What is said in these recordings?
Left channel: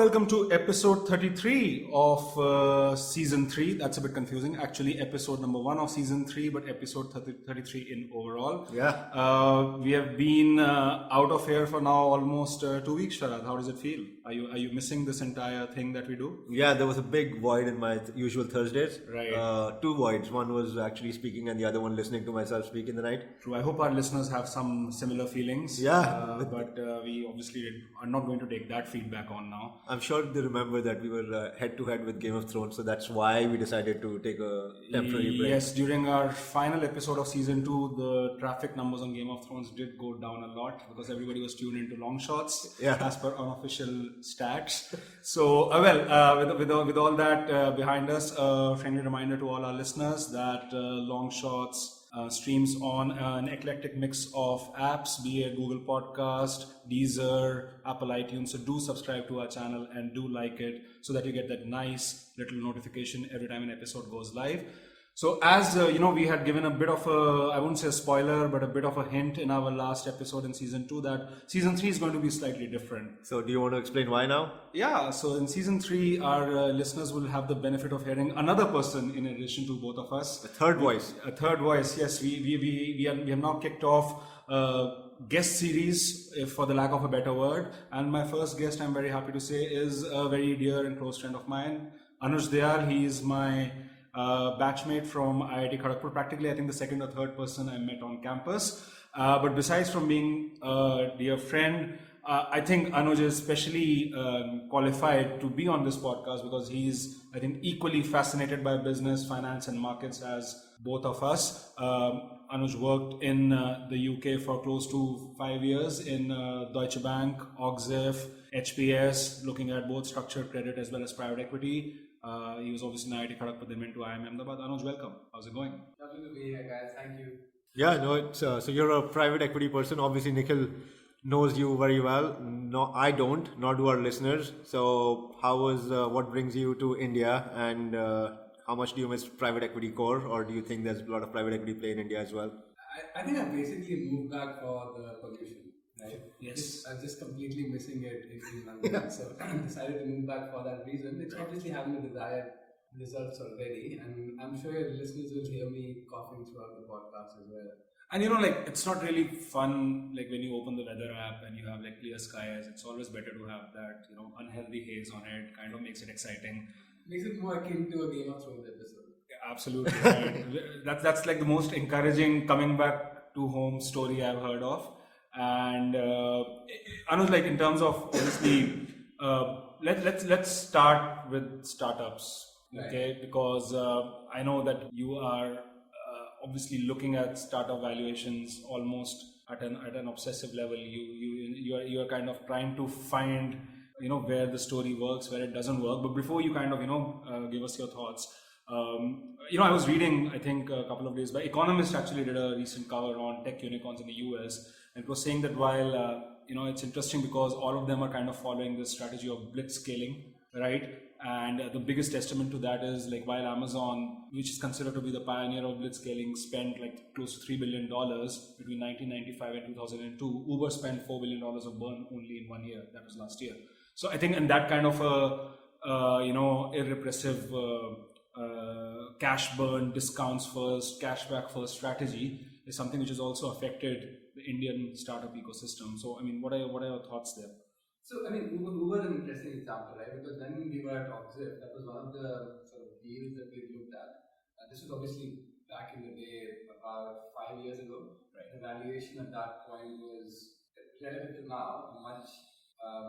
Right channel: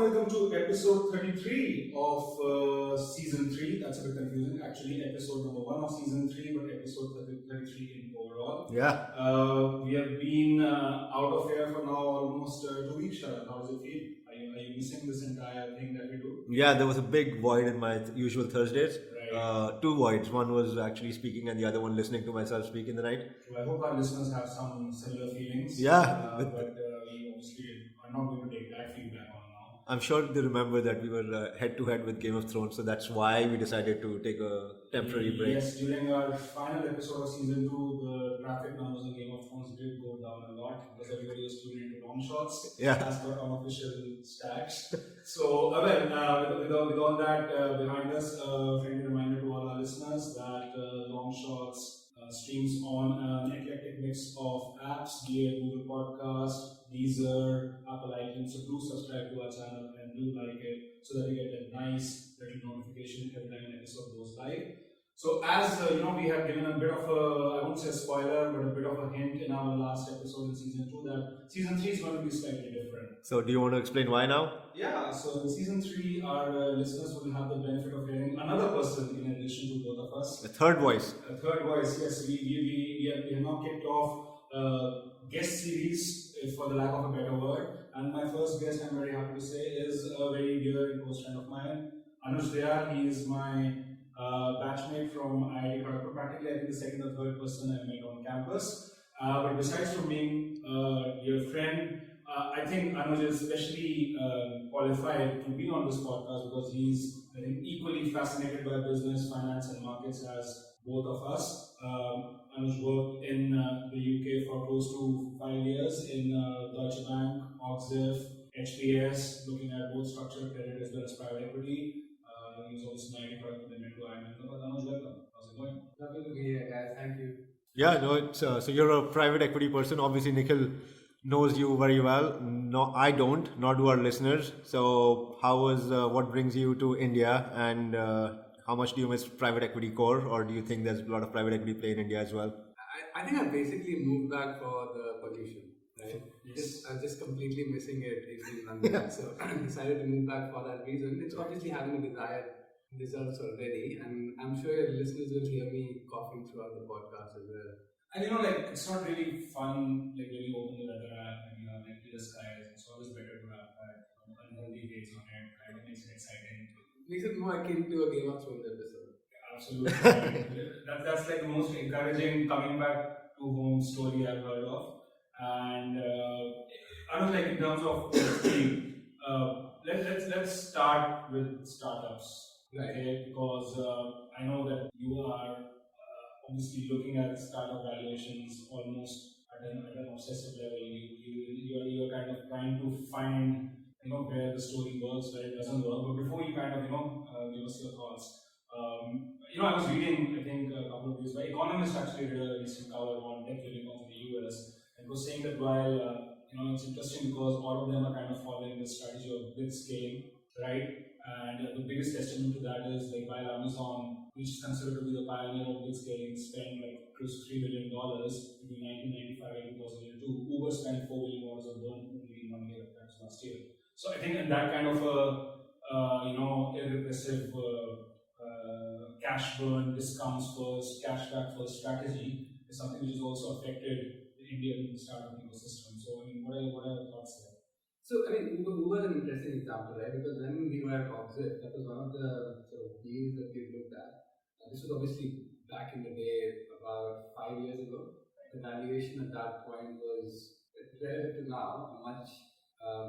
welcome to episode 33 of season 3. That's a bit confusing. Actually, episode number 1 of season 3, but episode 33 in overall. We have been out of here for now almost 2 weeks, Sharad. How does it feel? Are you missing this entire thing that we do? Yeah, there was a big void in my usual Thursdays. Right. Two voids. One was actually speaking and the other one listening to myself speak in the night. True. I hope our listeners have some similar feelings. Yeah. But we obviously are not going to take that feedback on now. I'm sure they remember that we were head to head with Game of Thrones, so that's why we decided to take a temporary break. Yes, during our final episode of season 2, the traffic numbers on Game of Thrones did go down a lot because everybody was tuned into long shots as per unofficial stats. So, with all that behind us, a friendly reminder to all our listeners that long shots streams on an eclectic mix of apps, be it Google Podcast, Deezer, Apple iTunes. So do subscribe to our channel and do like it so that you get that nice little notification every time an episode goes live. So as we had given a bit of a, I won't say a spoiler, but a bit of a hint in our last episode in season 2 that season 3 is going to be slightly different. So do you want to explain why now? Yeah, so in season 3, our listeners will have the benefit of hearing another person in addition to both of us. A third voice. A third voice, yes. We have now kicked off guest series, for the lack of a better word. And my first guest, I'm very happy to say, is a very dear and close friend of mine, Anuj Dayal. He is my batchmate from IIT Kharagpur. Practically, I think the second or third person I met on campus. But besides from being a dear friend, I think Anuj is especially qualified to be on this podcast because he's, I think, equally fascinated by business, finance, and markets as both of us. Anuj worked in the UK for close to 5 years in Deutsche Bank, Och-Ziff, HPS, looking at both structured credit as well as private equity. He was obviously in IIT Kharagpur, then went to IIM Ahmedabad. Anuj, welcome. How's it going? Lovely to be here, guys. Thank you. Yeah, no, it's so you're a private equity person. Obviously, Nikhil knows you very well. No, I don't, nor do our listeners. So what brings you to India, and how much do you miss private equity core, or do you think there's a lot of private equity play in India as well? I think I basically moved back for the pollution, right? Yes. I'm just completely missing it in London. So I decided to move back for that reason. It's obviously having the desired results already, and I'm sure your listeners will hear me coughing throughout the podcast as well. And it's not really fun, like when you open the weather app and you have like clear skies. It's always better to have that, unhealthy haze on it. Kind of makes it exciting. Makes it more akin to a Game of Thrones episode. Yeah, absolutely. Right. That's like the most encouraging coming back to home story I've heard of. And Anuj, like in terms of obviously, let's start with startups. Right. Okay, because I know that you are obviously looking at startup valuations almost at an obsessive level. You are kind of trying to find where the story works, where it doesn't work. But before you kind of give us your thoughts, I was reading, I think a couple of days back, Economist actually did a recent cover on tech unicorns in the US, and it was saying that while it's interesting because all of them are kind of following this strategy of blitz scaling, right? And the biggest testament to that is like while Amazon, which is considered to be the pioneer of blitz scaling, spent like close to $3 billion between 1995 and 2002, Uber spent $4 billion of burn only in 1 year. That was last year. So I think in that kind of irrepressive cash burn, discounts first, cashback first strategy is something which has also affected the Indian startup ecosystem. So I mean, what are your thoughts there? So, I mean, Uber is an interesting example, right? Because when we were at Och-Ziff, that was one of the sort of deals that we looked at. This was obviously back in the day, about 5 years ago. Right. The valuation at that point was, relative to now, a much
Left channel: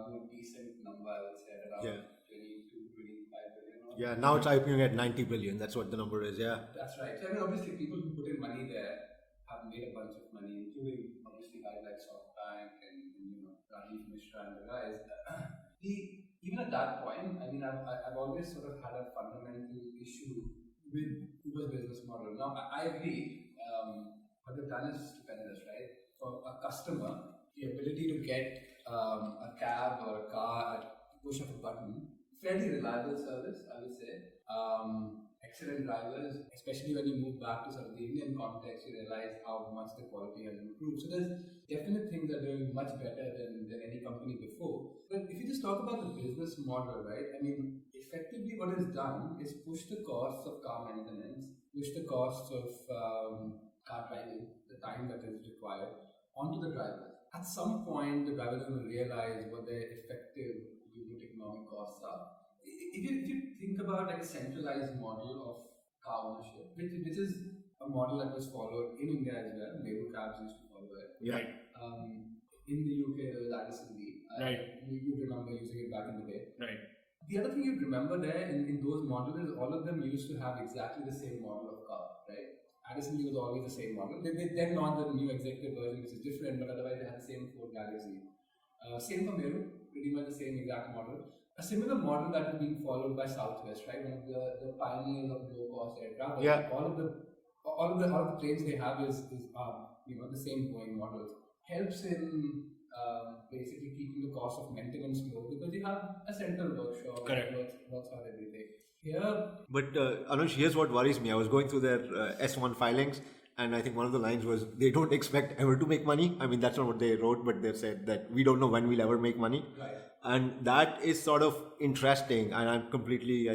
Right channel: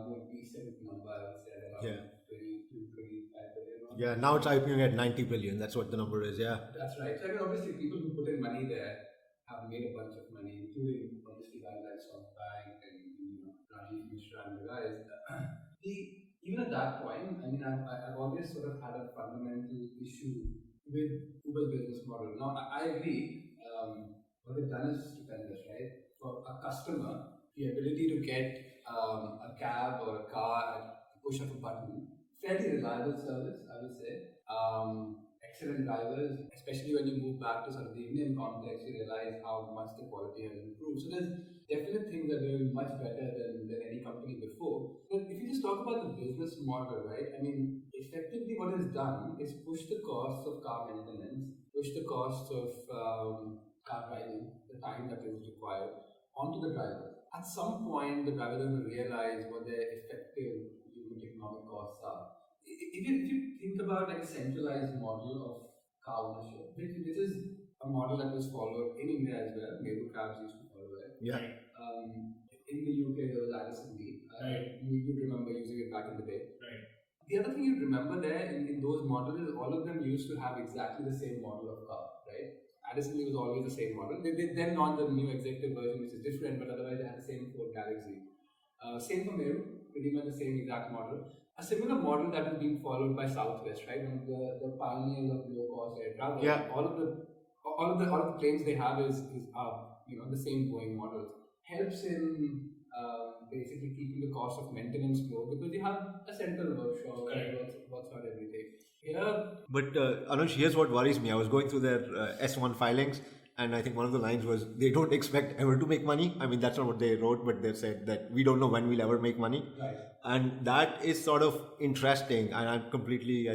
more decent number, I would say, at around 22, 25 billion. Yeah, now it's IPOing at 90 billion. That's what the number is, yeah. That's right. So, I mean, obviously, people who put in money there have made a bunch of money, including, obviously, guys like SoftBank and Rajiv Mishra and the guys. Even at that point, I mean, I've always sort of had a fundamental issue with Uber's business model. Now, I agree, what they've done is stupendous, right? For a customer, the ability to get a cab or a car at the push of a button, fairly reliable service, I would say. Excellent drivers, especially when you move back to sort of the Indian context, you realize how much the quality has improved. So there's definite things that are doing much better than any company before. But if you just just talk about the business model, right? I mean, effectively what is done is push the costs of car maintenance, push the costs of car driving, the time that is required, onto the drivers. At some point, the drivers are going to realize what their effective unit economic costs are. If you think about like a centralized model of car ownership, which is a model that was followed in India as well, Meru cabs used to follow it. Yeah. In the UK, there was Addison Lee. Right. You remember using it back in the day. Right. The other thing you remember there in those models is all of them used to have exactly the same model of car, right? Addison Lee was always the same model. They then launched the new executive version, which is different, but otherwise they had the same Ford Galaxy. Same for Meru, pretty much the same exact model. A similar model that is being followed by Southwest, right? One of the pioneers of low-cost air travel. Yeah. All of the planes they have is the same Boeing models. Helps in basically keeping the cost of maintenance low because you have a central workshop that works out everything. Yeah. But Anuj, here's what worries me. I was going through their S1 filings, and I think one of the lines was they don't expect ever to make money. I mean, that's not what they wrote, but they said that we don't know when we'll ever make money. Right. And that is sort of interesting. And I'm completely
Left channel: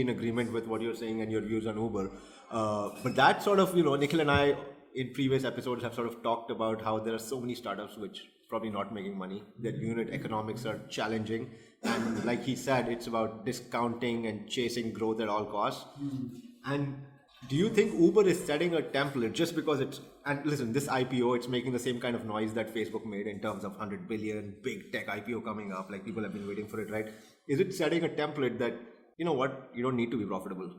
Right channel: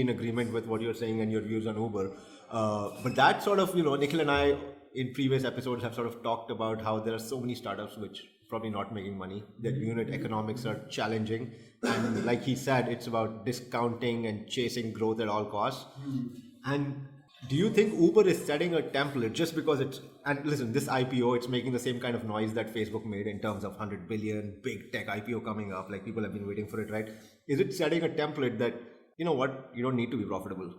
in agreement with what you're saying and your views on Uber. But that sort of, Nikhil and I in previous episodes have sort of talked about how there are so many startups which probably not making money. Their unit economics are challenging, and like he said, it's about discounting and chasing growth at all costs. And do you think Uber is setting a template just because it's, and listen, this IPO, it's making the same kind of noise that Facebook made in terms of 100 billion big tech IPO coming up, like people have been waiting for it, right? Is it setting a template that, you know what, you don't need to be profitable?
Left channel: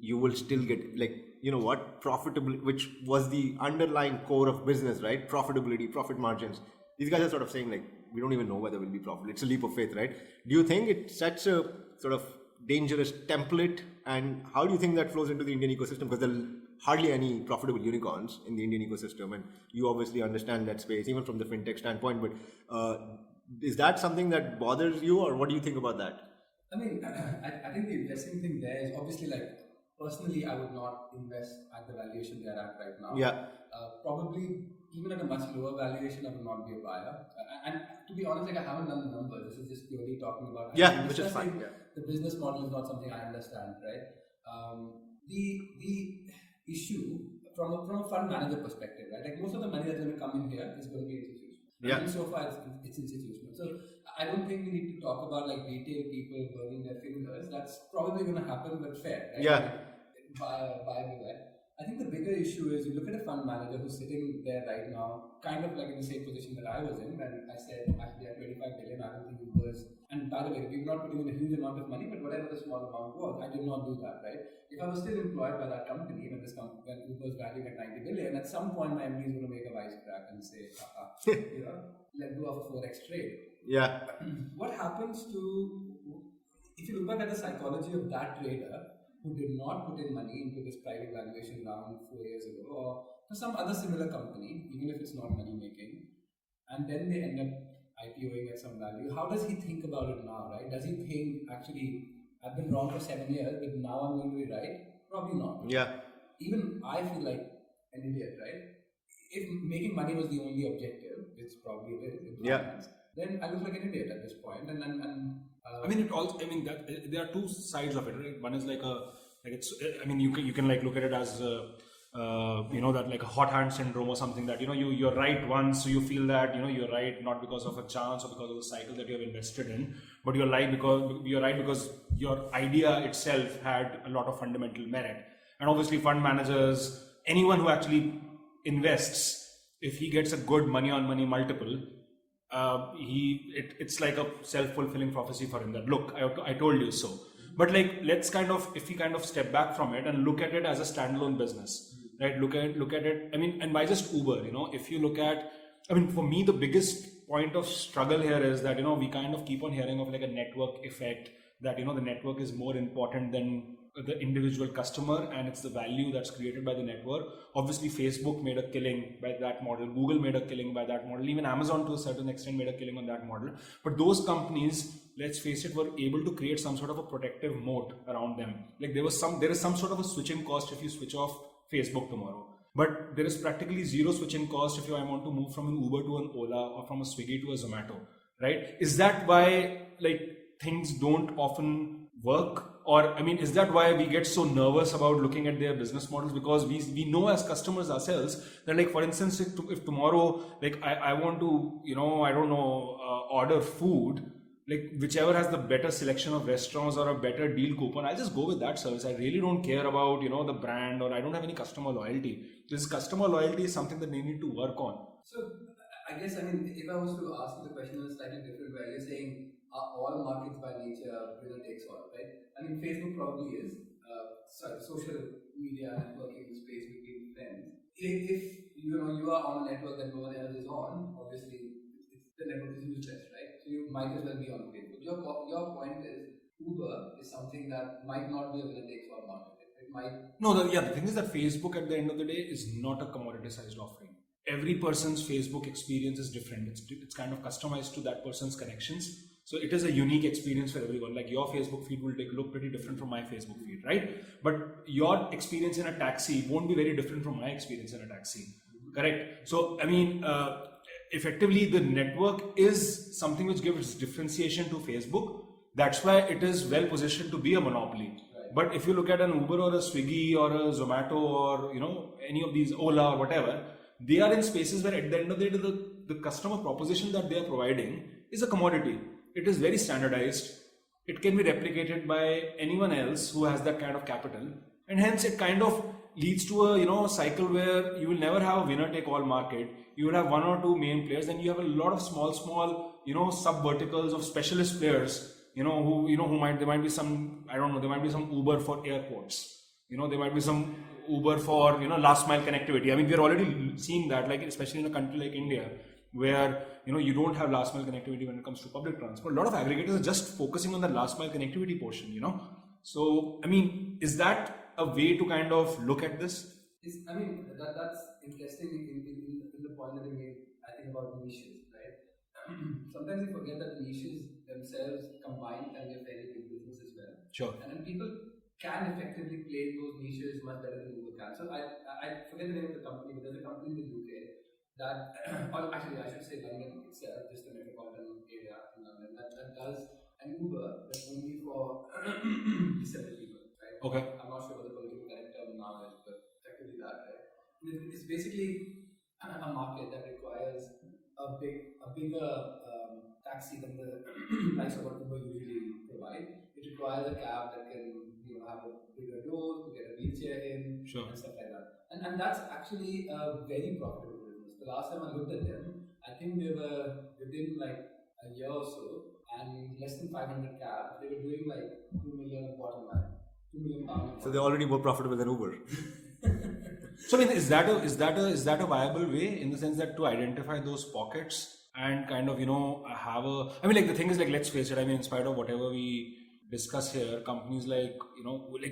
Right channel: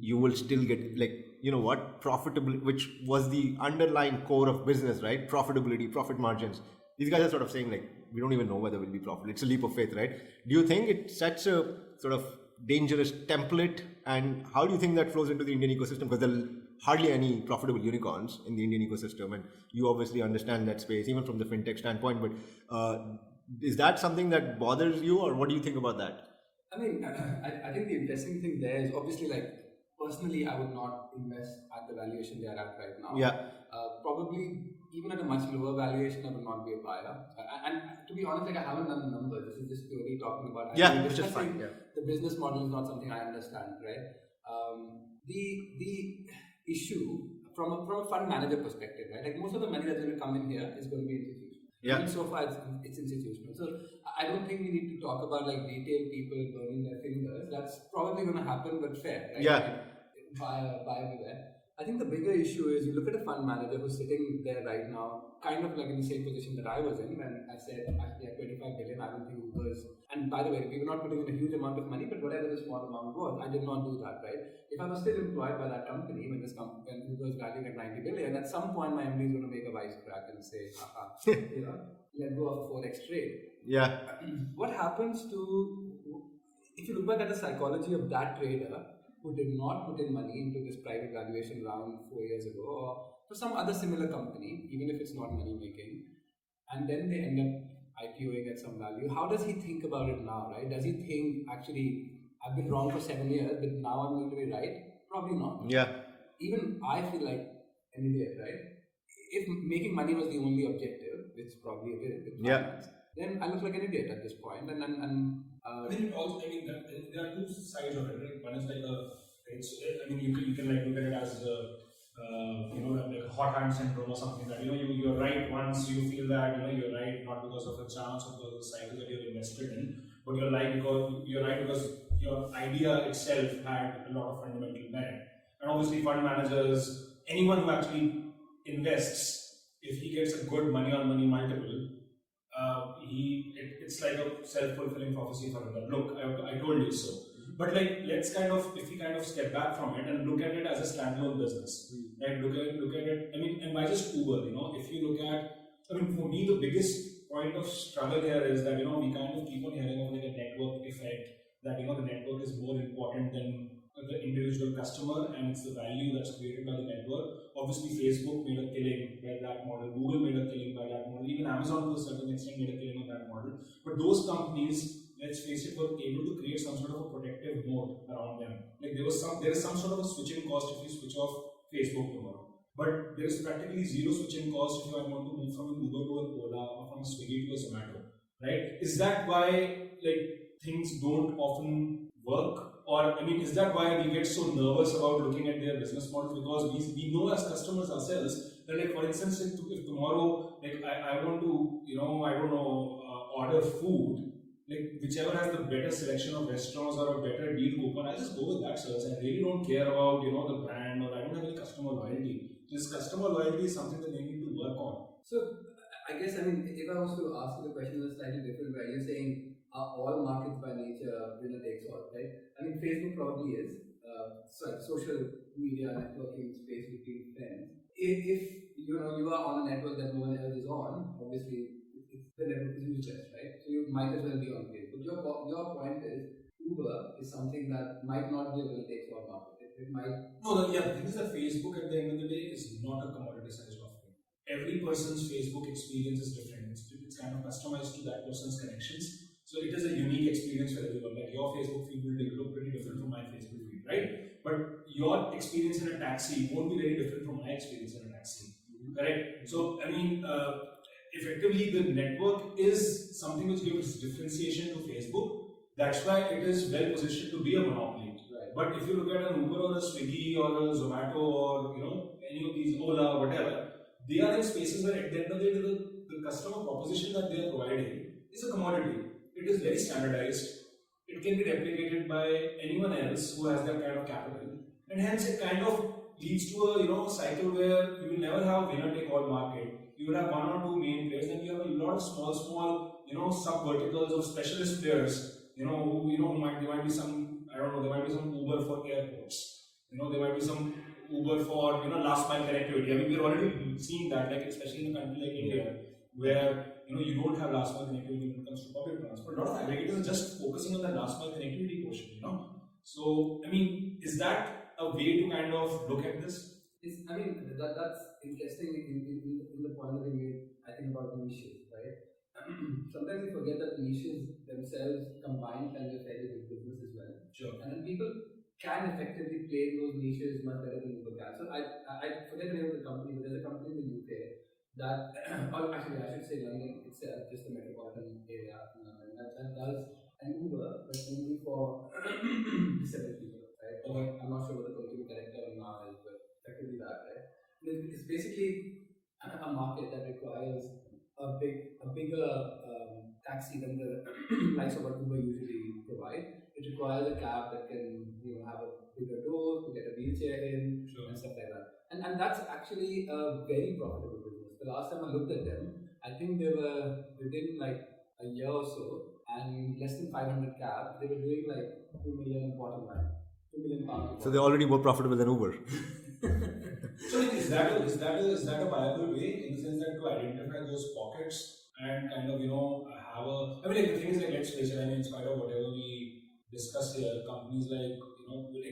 You will still get, like, you know what, profitability, which was the underlying core of business, right? Profitability, profit margins. These guys are sort of saying, like, we don't even know whether we'll be profitable. It's a leap of faith, right? Do you think it sets a sort of dangerous template, and how do you think that flows into the Indian ecosystem? Because there are hardly any profitable unicorns in the Indian ecosystem, and you obviously understand that space, even from the fintech standpoint. But is that something that bothers you, or what do you think about that? I mean, I think the interesting thing there is obviously, like, personally, I would not invest at the valuation they are at right now. Yeah. Probably even at a much lower valuation, I would not be a buyer. And to be honest, like, I haven't done the numbers. This is just purely talking about. Which is fine. Yeah. The business model is not something I understand, right? The issue from a fund manager perspective, right? Like, most of the money that's going to come in here is going to be institutional. Yeah. And so far, it's institutional. So I don't think we need to talk about like retail people burning their fingers. That's probably going to happen, but fair. Right? Yeah. Buy with that. I think the bigger issue is you look at a fund manager who's sitting there right now, kind of like in the same position that I was in when I said, actually, at 25 billion, I don't think Uber's. And by the way, we were not putting in a huge amount of money, but whatever the small amount was, I did not do that, right? If I was still employed by that company, when Uber's valuing at 90 billion, at some point my MD is going to make a wise crack and say, let go of a 4x trade. Yeah. What happens to, if you look back at the psychology of that trader who did not put in money into this private valuation round 4 years ago, or for some other similar company, even if it's not money making, and then they end up IPOing at some value, how does he think about it now, right? Does he think, actually, I've been wrong for 7 years, but now I'm going to be right? Probably not. Yeah. Even I feel like an idiot, right? If making money was the only objective, which probably it is, then I look like an idiot at this point. I mean, it also. I mean, there are two sides of it, right? One is like I mean, you can like look at it as that like a hot hand syndrome or something, that you're right once, so you feel that you're right not because of a chance or because of the cycle that you have invested in, but you're right because your idea itself had a lot of fundamental merit. And obviously, fund managers, anyone who actually invests, if he gets a good money on money multiple, it's like a self-fulfilling prophecy for him that, look, I told you so. But like, if we kind of step back from it and look at it as a standalone business, right? Look at it. I mean, and by just Uber, if you look at, I mean, for me, the biggest point of struggle here is that, we kind of keep on hearing of like a network effect, that, the network is more important than the individual customer, and it's the value that's created by the network. Obviously, Facebook made a killing by that model. Google made a killing by that model. Even Amazon, to a certain extent, made a killing on that model. But those companies, let's face it, were able to create some sort of a protective moat around them. Like there is some sort of a switching cost if you switch off Facebook tomorrow. But there is practically zero switching cost if I want to move from an Uber to an Ola or from a Swiggy to a Zomato. right? Is that why like things don't often work? Or I mean, is that why we get so nervous about looking at their business models? Because we know as customers ourselves that, like, for instance, if tomorrow, like, I want to, I don't know, order food, like whichever has the better selection of restaurants or a better deal coupon, I just go with that service. I really don't care about, the brand, or I don't have any customer loyalty. This customer loyalty is something that they need to work on. So I guess, I mean, if I was to ask you the question in a slightly different way, you're saying are all markets by nature winner takes all, right? I mean, Facebook probably is. Social media networking space between friends. If you are on a network that no one else is on, obviously the network is useless, right? So you might as well be on Facebook. Your point is Uber is something that might not be a winner takes all market. It might. No, the thing is that Facebook at the end of the day is not a commoditized offering. Every person's Facebook experience is different. It's kind of customized to that person's connections. So it is a unique experience for everyone. Like your Facebook feed will look pretty different from my Facebook feed, right? But your experience in a taxi won't be very different from my experience in a taxi, correct? So I mean, effectively, the network is something which gives differentiation to Facebook. That's why it is well positioned to be a monopoly. Right. But if you look at an Uber or a Swiggy or a Zomato or any of these, Ola or whatever, they are in spaces where at the end of the day the customer proposition that they are providing is a commodity. It is very standardized. It can be replicated by anyone else who has that kind of capital, and hence it kind of leads to a cycle where you will never have a winner take all market. You would have one or two main players, then you have a lot of small sub verticals of specialist players. There might be some, I don't know, there might be some Uber for airports. There might be some Uber for last mile connectivity. I mean, we're already seeing that, like especially in a country like India, where you don't have last mile connectivity when it comes to public transport. A lot of aggregators are just focusing on the last mile connectivity portion. So I mean, is that a way to kind of look at this? That's interesting in the point that you made, I think, about niches, right? Sometimes we forget that niches themselves combined can be a fairly big business as well. Sure. And then people can effectively play those niches much better than Uber can. So I forget the name of the company, but there's a company in the UK that, or actually I should say London itself, just the metropolitan area in London, that does an Uber, but only for disabled people, right? Okay. I'm not sure what the political correct term now is, but effectively that, right? It's basically a market that requires a bigger taxi than the likes of what Uber usually provide. It requires a cab that can have a bigger door to get a wheelchair in, sure, and stuff like that. And that's actually a very profitable business. The last time I looked at them, I think they were within like a year or so, and less than 500 cabs, they were doing like 2 million bottom line, £2 million. So they're already more profitable than Uber. So is that a viable way, in the sense that to identify those pockets and kind of have a, I mean, like the thing is, like, let's face it, I mean, in spite of whatever we discuss here, companies like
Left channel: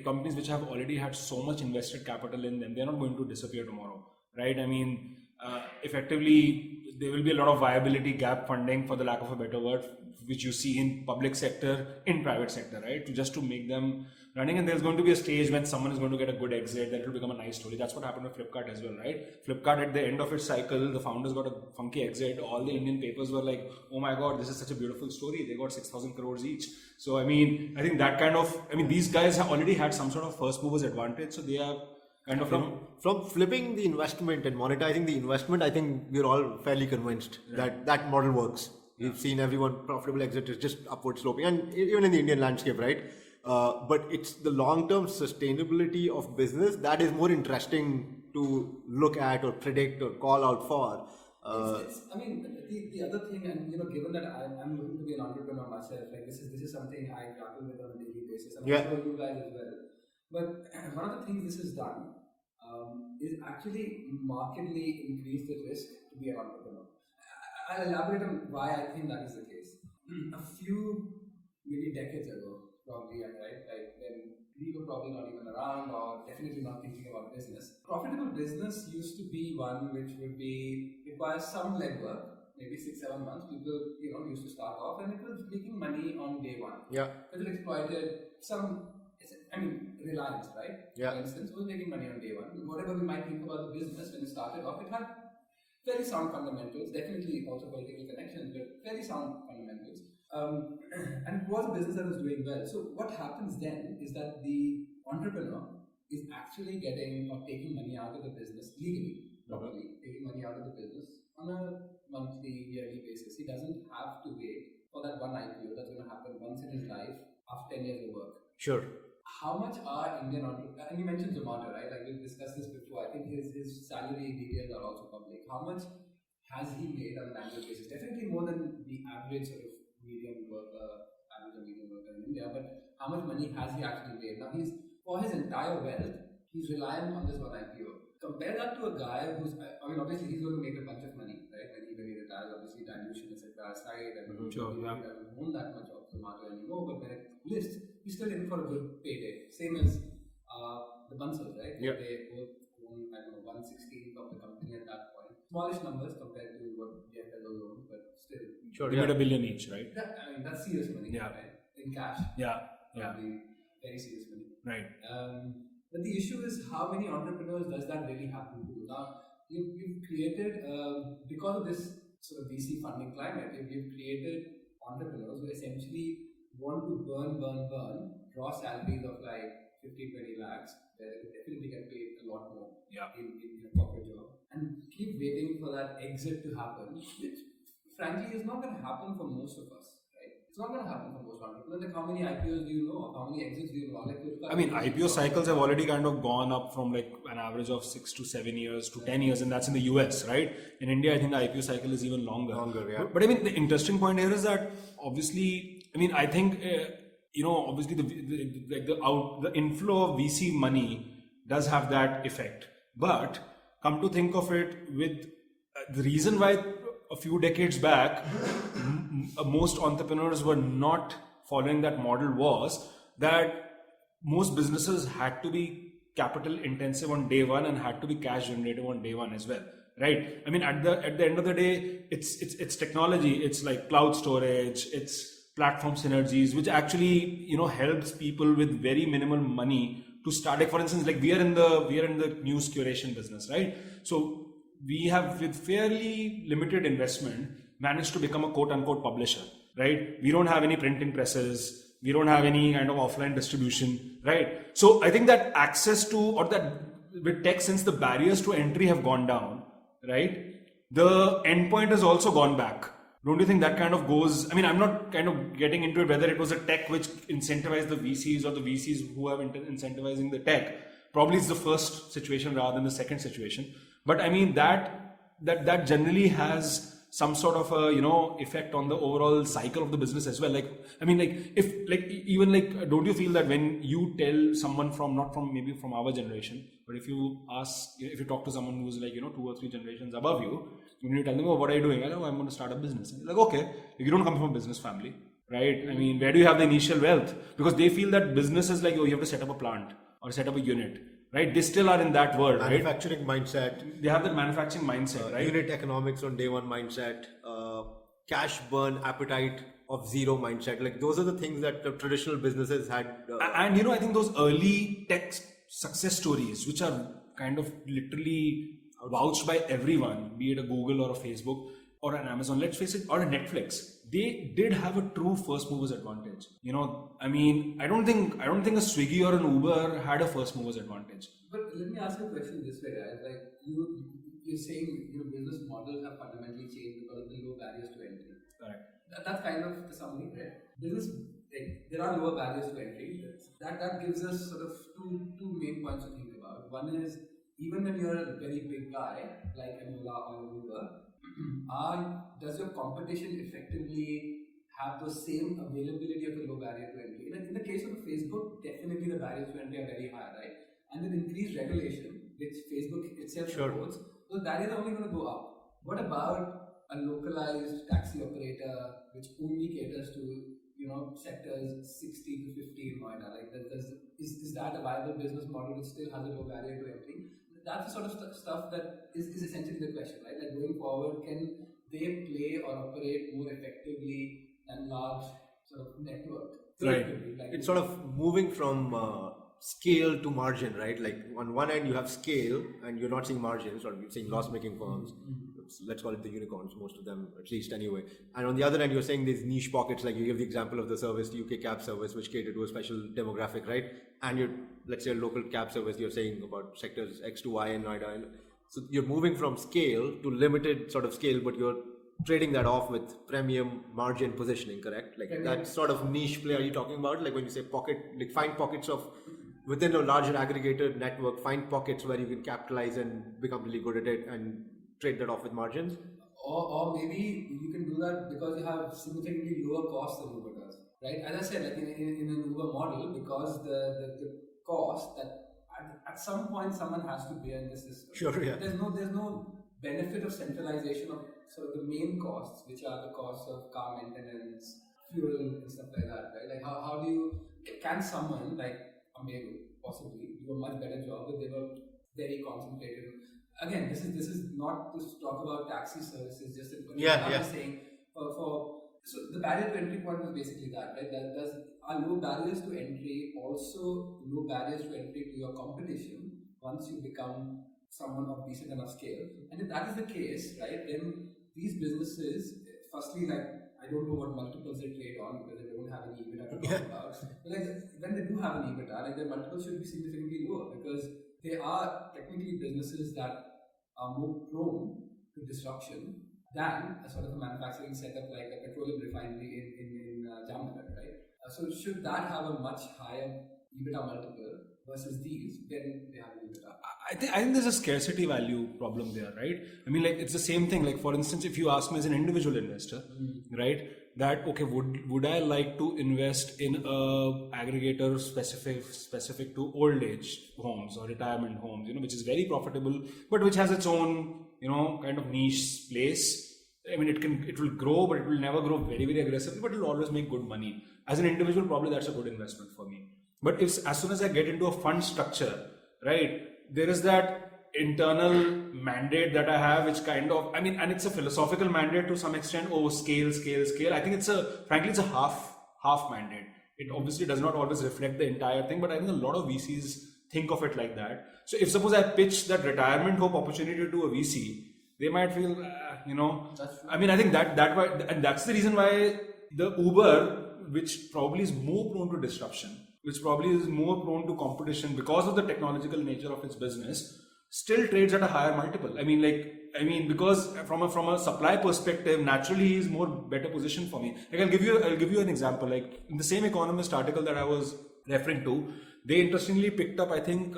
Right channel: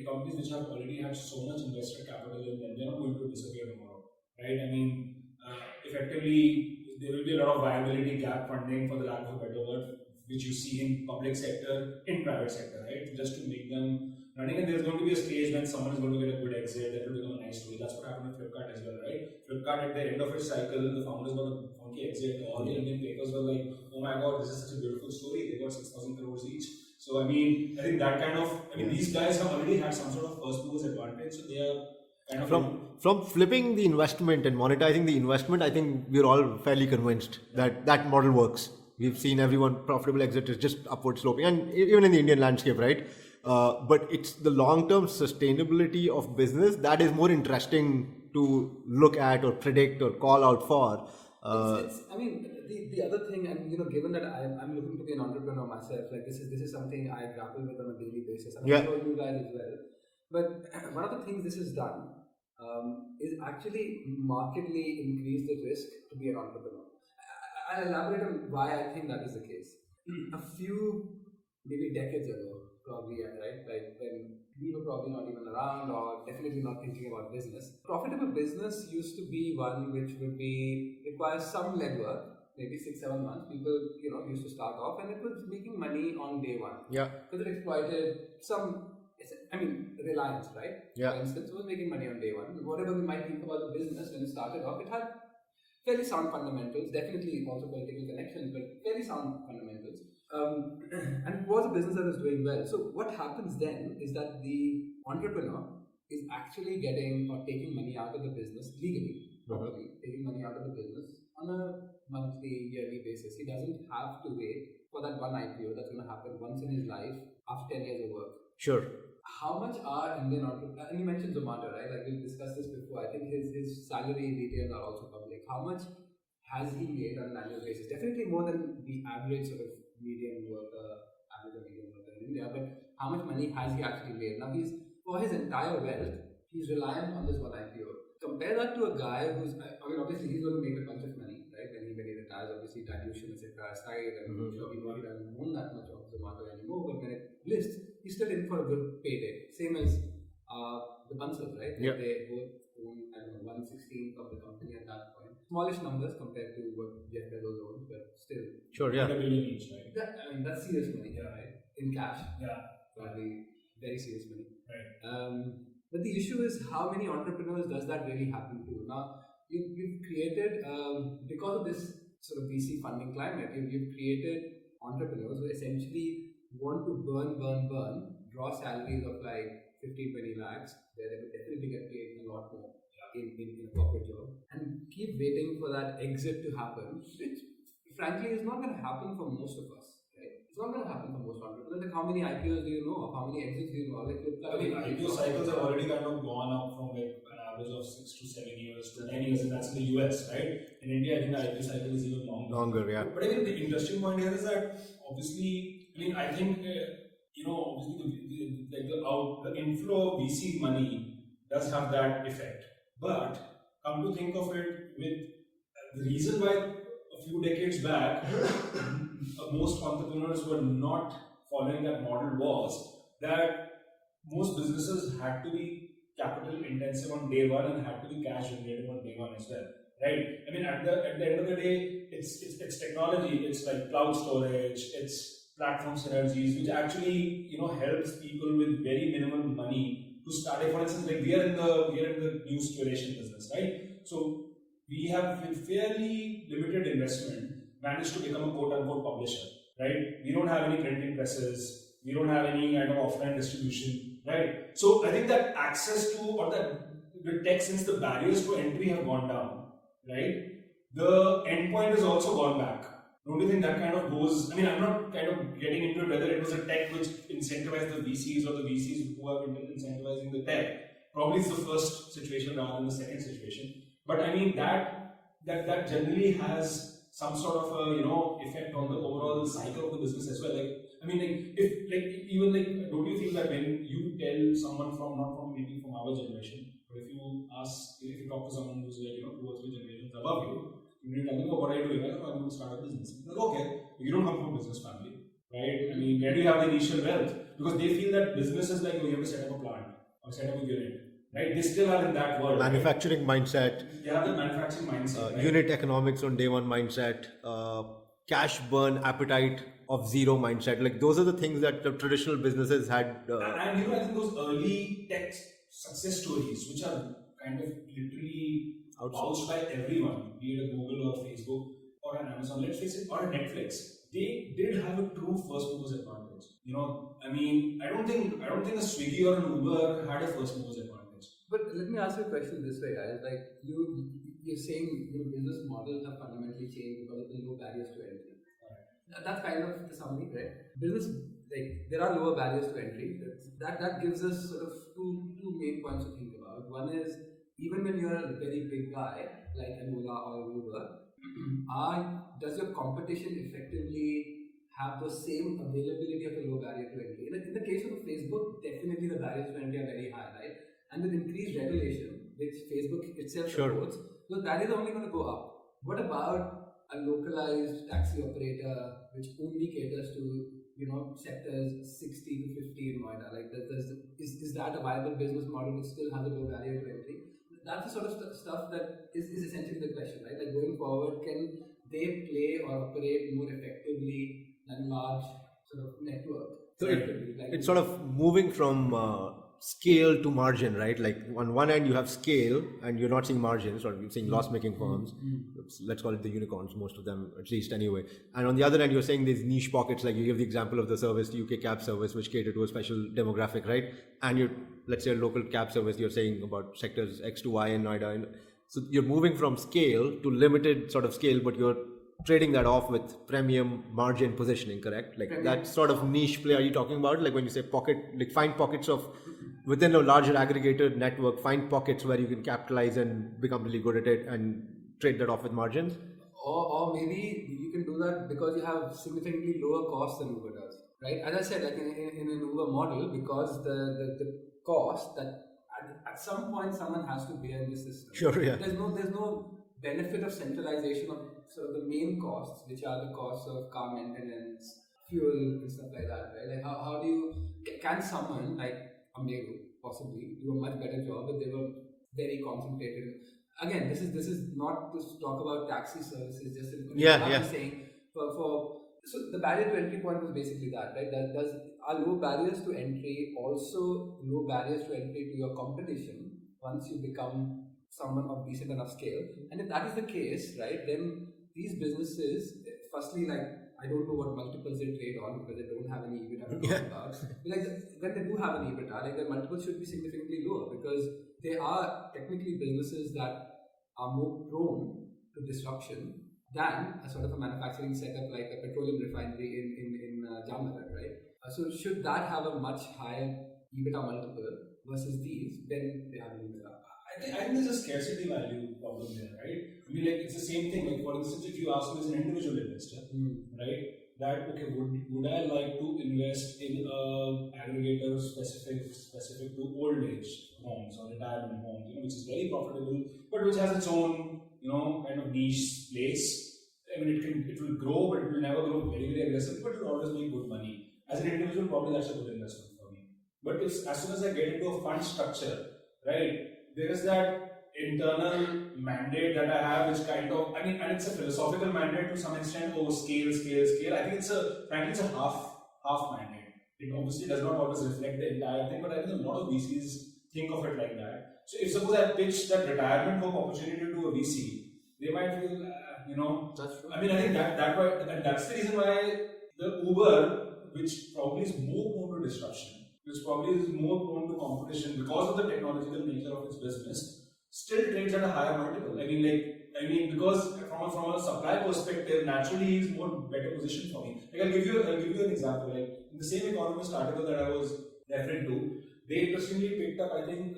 companies which have already had so much invested capital in them, they're not going to disappear tomorrow, right? I mean, effectively there will be a lot of viability gap funding, for the lack of a better word, which you see in public sector, in private sector, right? Just to make them running, and there's going to be a stage when someone is going to get a good exit that will become a nice story. That's what happened with Flipkart as well, right? Flipkart, at the end of its cycle, the founders got a funky exit. All the Indian papers were like, oh my god, this is such a beautiful story. They got 6,000 crores each. So I mean, I think that kind of, these guys have already had some sort of first movers advantage, so they are kind of from flipping the investment and monetizing the investment. I think we're all fairly convinced that model works. We've seen everyone profitable exit is just upward sloping, and even in the Indian landscape, right? But it's the long-term sustainability of business that is more interesting to look at or predict or call out for. The other thing, and given that I'm looking to be an entrepreneur myself, like this is something I grapple with on a daily basis, and I'm sure you guys as well. But one of the things this has done is actually markedly increase the risk to be an entrepreneur. I'll elaborate on why I think that is the case. A few, maybe decades ago, probably, right? Like when we were probably not even around, or definitely not thinking about business. Profitable business used to be one which would require some legwork, maybe 6-7 months. People, used to start off, and it was making money on day one. Yeah. Because it exploited Reliance, right? Yeah. For instance, was making money on day one. Whatever we might think about the business when it started off, it had fairly sound fundamentals, definitely also political connections, but fairly sound fundamentals. And it was a business that was doing well. So what happens then is that the entrepreneur is actually getting or taking money out of the business legally, properly, taking money out of the business on a monthly, yearly basis. He doesn't have to wait for that one IPO that's going to happen once in his life after 10 years of work. Sure. How much are Indian entrepreneurs, and you mentioned Zomato, right? Like we discussed this before. I think his salary details are also public. How much has he made on an annual basis? Definitely more than the average sort of median worker, average or median worker in India. But how much money has he actually made? Now for his entire wealth, he's reliant on this one IPO. Compare that to a guy who's, I mean, obviously he's going to make a bunch of money, right? When he retires, obviously dilution, etc. aside, and sure, he doesn't own that much of Zomato anymore. But when it lists, he's still in for a good payday. Same as the Bansals, right? Yeah. They both own, I don't know, 1/16th of the company at that point. Smallish numbers compared to what Jeff Bezos owns, but still. Sure, yeah. $1 billion each, right? I mean, that's serious money, right? In cash. Yeah. Probably very serious money. Right. But the issue is, how many entrepreneurs does that really happen to? Now, you've created, because of this sort of VC funding climate, you've created entrepreneurs who essentially want to burn, draw salaries of like 15-20 lakhs, where they could definitely get paid a lot more in a corporate job, and keep waiting for that exit to happen, which frankly is not going to happen for most of us. It's not going to happen for most entrepreneurs. Like, how many IPOs do you know? How many exits do you know? Like, I mean, IPO cycles have already kind of gone up from like an average of 6 to 7 years to 10 years, and that's in the US, right? In India, I think the IPO cycle is even longer. Longer, yeah. But I mean, the interesting point here is that obviously, I mean, I think obviously the inflow of VC money does have that effect. But come to think of it, with the reason why a few decades back most entrepreneurs were not following that model was that most businesses had to be capital intensive on day one and had to be cash generative on day one as well, right? I mean, at the end of the day, it's technology. It's like cloud storage, it's platform synergies, which actually helps people with very minimal money to start. Like, for instance, like we are in the news curation business, right? So we have, with fairly limited investment, managed to become a quote-unquote publisher, right? We don't have any printing presses, we don't have any kind of offline distribution, right? So I think that access to, or that with tech, since the barriers to entry have gone down, right, the endpoint has also gone back. Don't you think that kind of goes, I mean, I'm not kind of getting into it whether it was a tech which incentivized the VCs or the VCs who are incentivizing the tech. Probably it's the first situation rather than the second situation. But I mean, that generally has some sort of a effect on the overall cycle of the business as well. Like, I mean, like, if like even like, don't you feel that when you tell someone not from maybe from our generation, but if you talk to someone who's like 2 or 3 generations above you, when you tell them, oh, what are you doing? I'm going to start a business. And you're like, okay, you don't come from a business family, right? I mean, where do you have the initial wealth? Because they feel that business is like, oh, you have to set up a plant or set up a unit. Right, they still are in that world. Manufacturing mindset. They have the manufacturing mindset. Right? Unit economics on day one mindset. Cash burn appetite of zero mindset. Like, those are the things that the traditional businesses had. And I think those early tech success stories, which are kind of literally vouched by everyone, be it a Google or a Facebook or an Amazon, let's face it, or a Netflix, they did have a true first movers advantage. I mean, I don't think a Swiggy or an Uber had a first movers advantage. But let me ask you a question this way, guys. Like, you're saying business models have fundamentally changed because of the low barriers to entry. Correct. That's kind of the summary, right? Business, like, there are lower barriers to entry. That gives us sort of two main points to think about. One is, even when you're a very big guy like an Ola or Uber, does your competition effectively have the same availability of a low barrier to entry? In the case of Facebook, definitely the barriers to entry are very high, right? And with increased regulation, which Facebook itself supports, those barriers are only going to go up. What about a localized taxi operator which only caters to sectors 60 to 50 in Noida? Like, is that a viable business model which still has a low barrier to entry? That's the sort of stuff that is essentially the question, right? Like, going forward, can they play or operate more effectively than large sort of network? So it's sort of moving from scale to margin, right? Like on one end you have scale and you're not seeing margins, or you're seeing loss-making firms. Let's call it the unicorns, most of them, at least anyway. And on the other end, you're saying these niche pockets, like you give the example of the service, the UK cab service, which cater to a special demographic, right? And you're, let's say, a local cab service, you're saying about sectors X to Y in Noida. And so you're moving from scale to limited sort of scale, but you're trading that off with premium margin positioning, correct? Like that sort of niche play are you talking about? Like when you say pocket, like find pockets of within a larger aggregator network, find pockets where you can capitalize and become really good at it and trade that off with margins? Or maybe you can do that because you have significantly lower costs than Uber does, right? As I said, like in an Uber model, because the cost that at some point someone has to bear in the system. Sure, yeah. There's no benefit of centralization of sort of the main costs, which are the costs of car maintenance, fuel, and stuff like that, right? Like how do you, can someone like Ameru possibly do a much better job if they were very concentrated? Again, this is not to talk about taxi services. Just I'm saying so the barrier to entry point was basically that, right? Are low barriers to entry also low barriers to entry to your competition once you become someone of decent enough scale? And if that is the case, right, then these businesses, firstly, like I don't know what multiples they trade on because they don't have any EBITDA to talk about. But like when they do have an EBITDA, like their multiples should be significantly lower because they are technically businesses that are more prone to disruption than a sort of a manufacturing setup like a petroleum refinery in Jamnagar, right? So should that have a much higher EBITDA multiple versus these, then they have an EBITDA. I think there's a scarcity value problem there, right? I mean, like it's the same thing. Like for instance, if you ask me as an individual investor, right, that okay, would I like to invest in a aggregator specific to old age homes or retirement homes, which is very profitable, but which has its own, kind of niche place. I mean, it will grow, but it will never grow very, very aggressively, but it will always make good money. As an individual, probably that's a good investment for me. But if as soon as I get into a fund structure, right, there is that internal mandate that I have, which kind of, I mean, and it's a philosophical mandate to some extent. Oh, scale. I think frankly, it's a half mandate. It obviously does not always reflect the entire thing, but I think a lot of VCs think of it like that. So if suppose I pitch that retirement home opportunity to a VC, they might feel, That's true. I mean, I think that why, and that's the reason why the Uber, which probably is more prone to disruption, which probably is more prone to competition because of the technological nature of its business, still trades at a higher multiple. I mean, because from a supply perspective, naturally is more better position for me. Like I'll give you an example. Like in the same Economist article that I was referring to, they interestingly picked up, I think,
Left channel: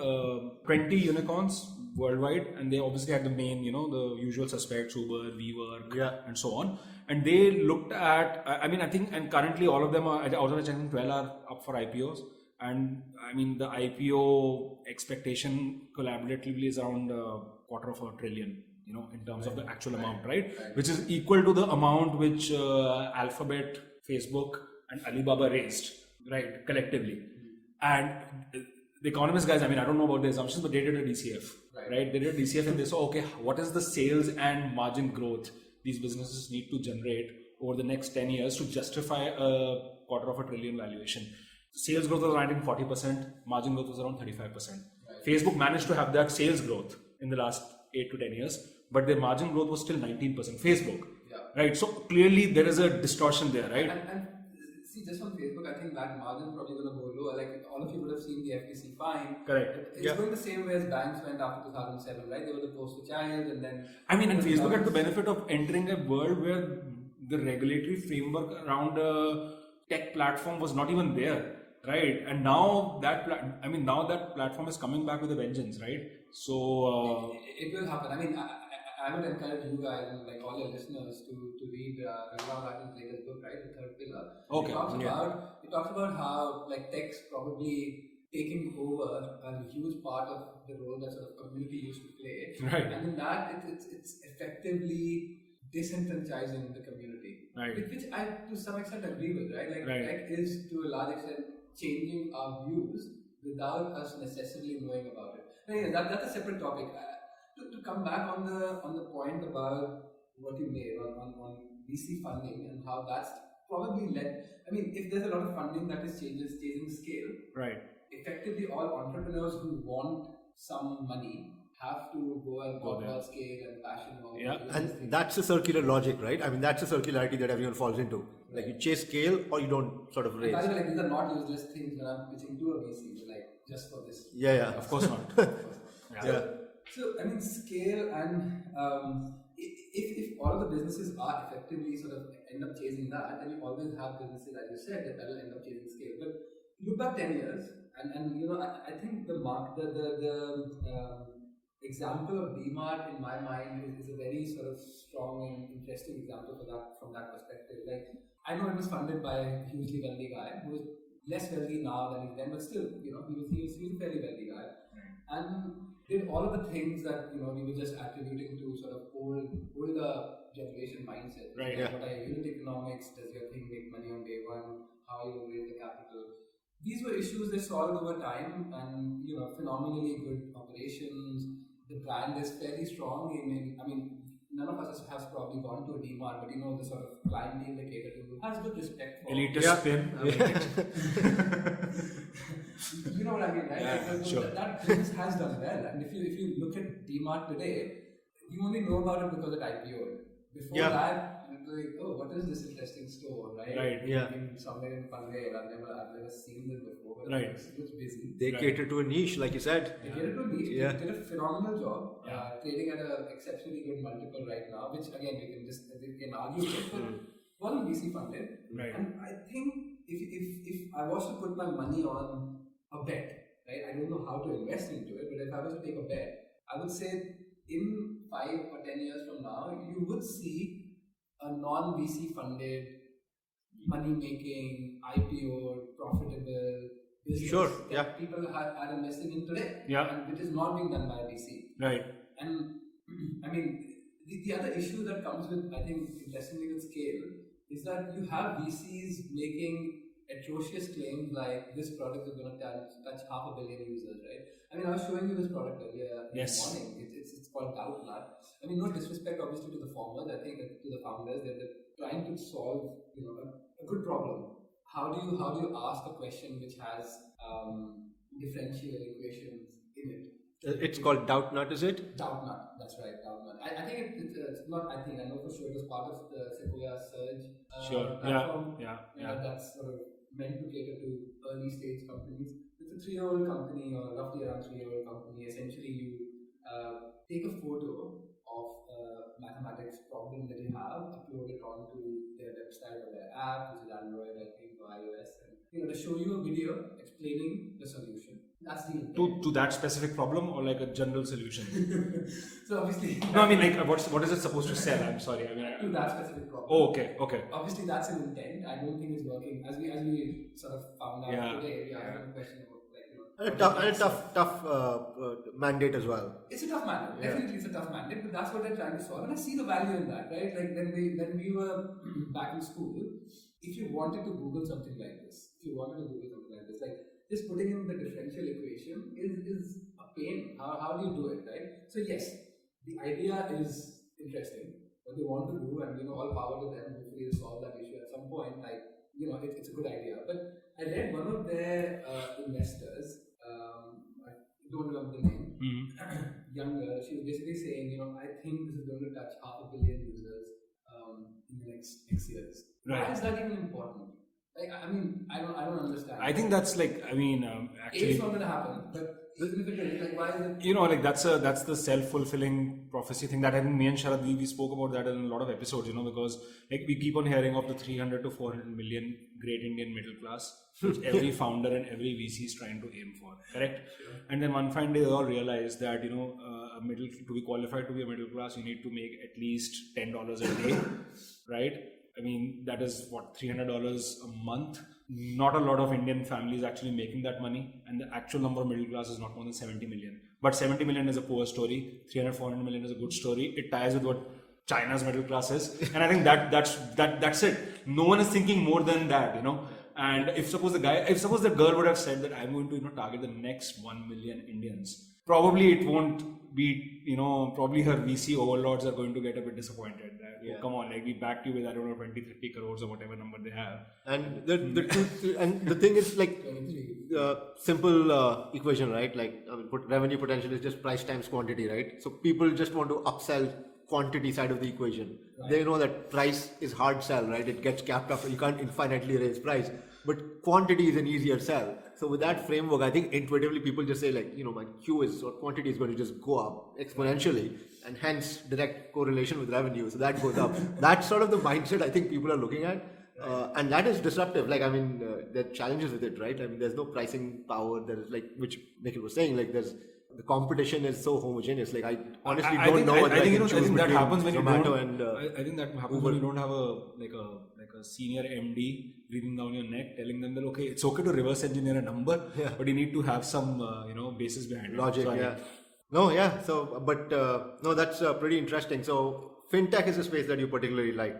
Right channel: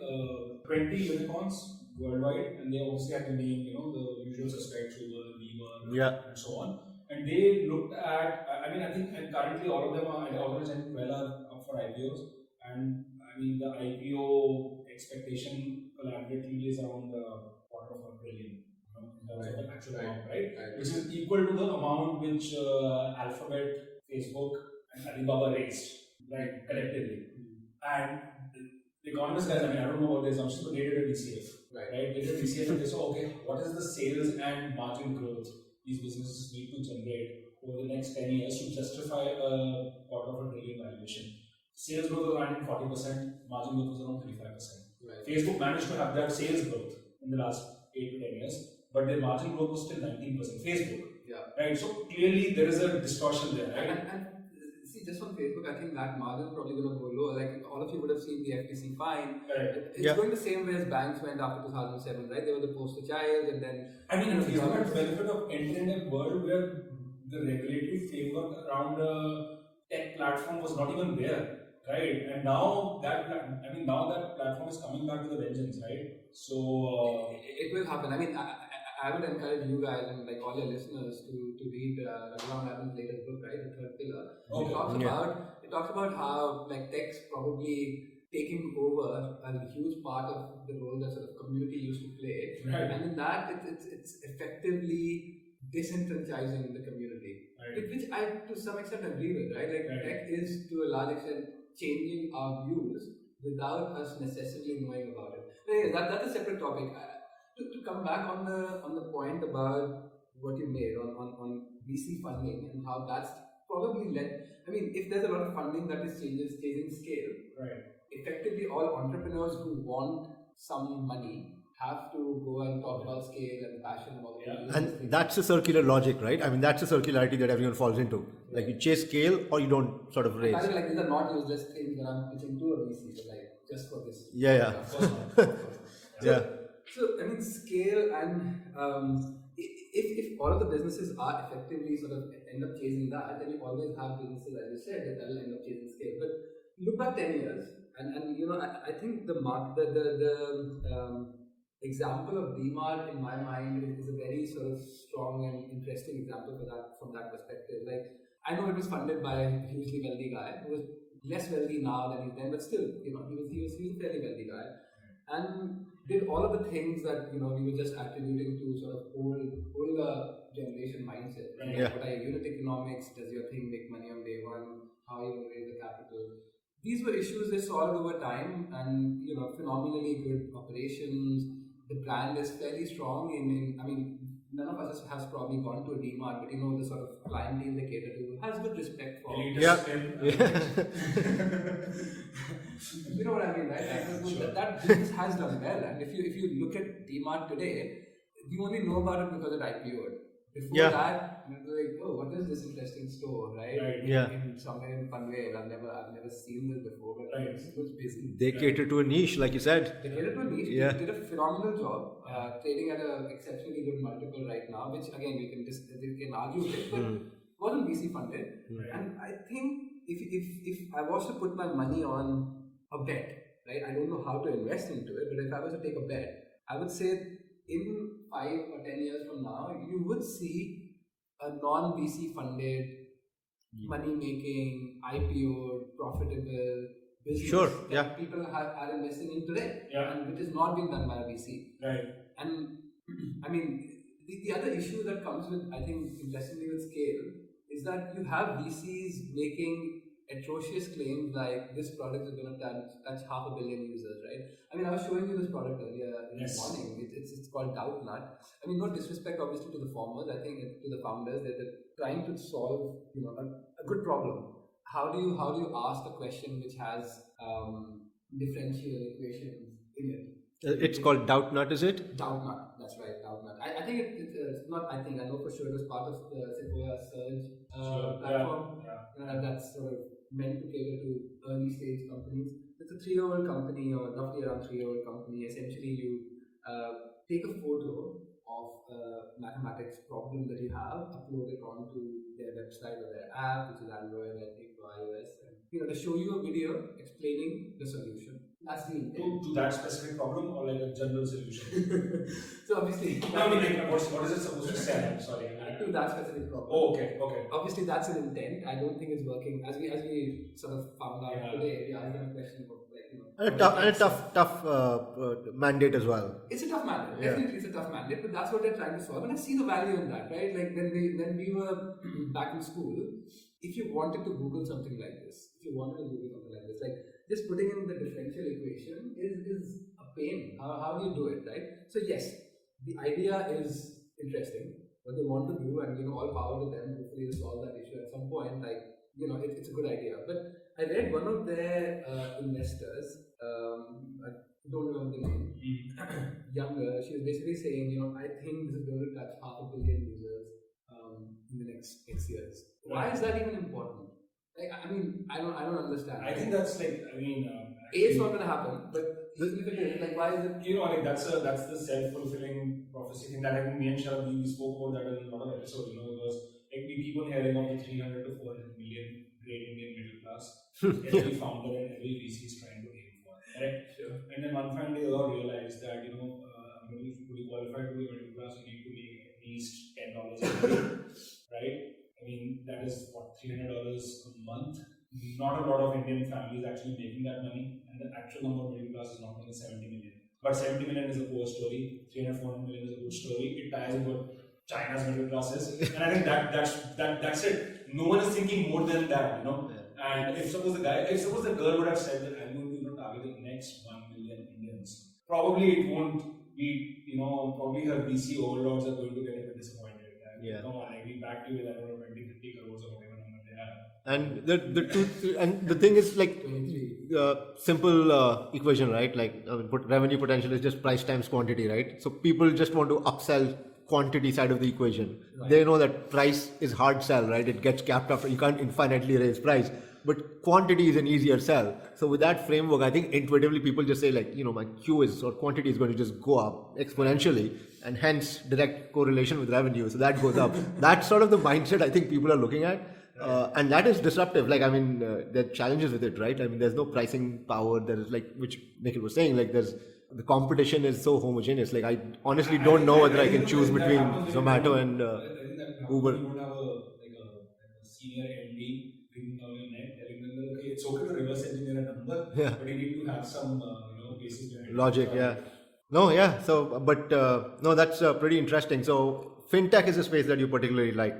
20 unicorns worldwide, and they obviously had the main, the usual suspects, Uber, WeWork, and so on. And they looked at, I think, and currently all of them are, out of the 12 are up for IPOs. And I mean, the IPO expectation collaboratively is around $250 billion, in terms of the actual amount, right? Which is equal to the amount which Alphabet, Facebook, and Alibaba raised, right, collectively. And the Economist guys, I mean, I don't know about the assumptions, but they did a DCF, right? They did a DCF and they saw, okay, what is the sales and margin growth these businesses need to generate over the next 10 years to justify a $250 billion valuation. Sales growth was around 40%, margin growth was around 35%. Right. Facebook managed to have that sales growth in the last 8 to 10 years, but their margin growth was still 19%. Facebook, right? So clearly there is a distortion there, right? And see, just on Facebook, I think that margin is probably going to go lower. Like all of you would have seen the FTC fine. Correct. It's going the same way as banks went after 2007, right? They were the poster child, and then I mean, and Facebook had the benefit of entering a world where the regulatory framework around a tech platform was not even there. Right, and now that platform is coming back with a vengeance, right? So it will happen. I mean, I would encourage you guys and like all your listeners to read Raghuram Rajan's latest book, right, The Third Pillar. Okay. It talks about how like tech's probably taking over a huge part of the role that sort of community used to play, right? And in that, it's effectively disenfranchising the community, right? Which I to some extent agree with, right? Like tech is to a large extent changing our views without us necessarily knowing about it. But anyway, that's a separate topic. To come back on the point about what you made on VC funding and how that's probably led. I mean, if there's a lot of funding that is changing scale, right? effectively all entrepreneurs who want some money have to go and talk about scale and passion and all of these And things. that's a circular logic, right? I mean, that's a circularity that everyone falls into. Like you chase scale or you don't sort of raise. By the way, like, these are not useless things that I'm pitching to a VC, but like just for this. Yeah. Of course not. Yeah. So I mean, scale and if all of the businesses are effectively sort of end up chasing that, then you always have businesses, as you said, that will end up chasing scale. But look back 10 years, and you know, I think the example of DMart in my mind is a very sort of strong and interesting example for that from that perspective. Like, I know it was funded by a hugely wealthy guy who was less wealthy now than he's then, but still, you know, he was a fairly wealthy guy, and did all of the things that, you know, we were just attributing to sort of older generation mindset. Right. Yeah. What are unit economics? Does your thing make money on day one? How are you going to raise the capital? These were issues they solved over time, and you know, phenomenally good operations. The brand is fairly strong. I mean, none of us has probably gone to a DMart, but you know, the sort of clientele they cater to has good respect for. Elitist You know what I mean, right? Yeah, Like, sure. that business has done well, and if you look at DMart today, you only know about it because it IPO'd. Before that, you'd be like, oh, what is this interesting store, right? Right. Yeah. In somewhere in Panvel, I've never seen this before, but Right. it looks busy. They cater to a niche, like you said. They catered to a niche. Yeah. They did a phenomenal job, trading at an exceptionally good multiple right now, which again we can argue with, but wasn't VC funded. Right. And I think if I was to put my money on a bet, right? I don't know how to invest into it, but if I was to take a bet, I would say in 5 or 10 years from now, you would see a non-VC funded, money-making, IPO, profitable business Sure, that people are investing in today, and which is not being done by a VC. Right. And I mean, the other issue that comes with, I think, interestingly with scale, is that you have VCs making atrocious claims like this product is going to touch 500 million users, right? I mean, I was showing you this product earlier in the morning. It's called Doubtnut. I mean, no disrespect obviously to the formers. I think to the founders, they're trying to solve, you know, a good problem. How do you ask a question which has differential equations in it? It's called Doubtnut, is it? Doubtnut, that's right, Doubtnut. I think it's not. I think I know for sure it was part of the Sequoia Surge platform. That's sort of meant to cater to early stage companies. It's a 3-year-old company, or roughly around 3-year-old company. Essentially, you take a photo of a mathematics problem that you have, upload it onto their website or their app, which is Android, I think, or iOS, and you know, they show you a video explaining the solution. That's the intent. To that specific problem, or like a general solution? So obviously, No, I mean, like, what is it supposed to say? I'm sorry. I mean, to that specific problem. oh, okay. Obviously, that's an intent. I don't think it's working. As we sort of found out today, we asked them a question about, like, you know, And a tough mandate as well. It's a tough mandate. Definitely, it's a tough mandate. But that's what they're trying to solve, and I see the value in that, right? Like when we were back in school, if you wanted to Google something like this, like just putting in the differential equation is a pain. How do you do it, right? So yes, the idea is interesting. What they want to do, and you know, all power to them. Hopefully, they solve that issue at some point. Like, you know, it's a good idea. But I read one of their investors. I don't remember the name. Younger. She was basically saying, you know, I think this is going to touch 500 million users in the next 6 years. Why is that even important? Like, I mean, I don't understand. I think that's like, I mean, actually, it's not going to happen. But even if it is, like, why is it? You know, like that's the self-fulfilling prophecy thing that I think me and Sharad, we spoke about that in a lot of episodes. You know, because like we keep on hearing of the 300 to 400 million great Indian middle class, which every founder and every VC is trying to aim for. Correct. Sure. And then one fine day they all realize that, you know, to be qualified to be a middle class, you need to make at least $10 a day, right? I mean, that is what, $300 a month. Not a lot of Indian families actually making that money, and the actual number of middle class is not more than 70 million. But 70 million is a poor story. 300, 400 million is a good story. It ties with what China's middle class is, and I think that's it. No one is thinking more than that, you know. And if suppose the girl would have said that I'm going to, you know, target the next 1 million Indians, probably it won't be, you know, probably her VC overlords are going to get a bit disappointed. Yeah. come on, like we backed you with, I don't know, 20, 30 crores or whatever number they have. And the truth, and the thing is like simple equation, right? Like revenue potential is just price times quantity, right? So people just want to upsell quantity side of the equation. Right. They know that price is hard sell, right? It gets capped after, you can't infinitely raise price, but quantity is an easier sell. So with that framework, I think intuitively people just say like, my Q is, or quantity is going to just go up exponentially, and hence direct correlation with revenue. So that goes up. That's sort of the mindset I think people are looking at. And that is disruptive. Like, I mean, there are challenges with it, right? I mean, there's no pricing power. There is like, which Nikhil was saying, like the competition is so homogeneous. Like, I honestly don't know whether I can choose between Zomato and I think that happens Uber. when you don't have a senior MD breathing down your neck, telling them that okay, it's okay to reverse engineer a number, Yeah. but you need to have some basis behind Logic, it. yeah. No, yeah. So, but no, that's pretty interesting. So, fintech is a space that you particularly like,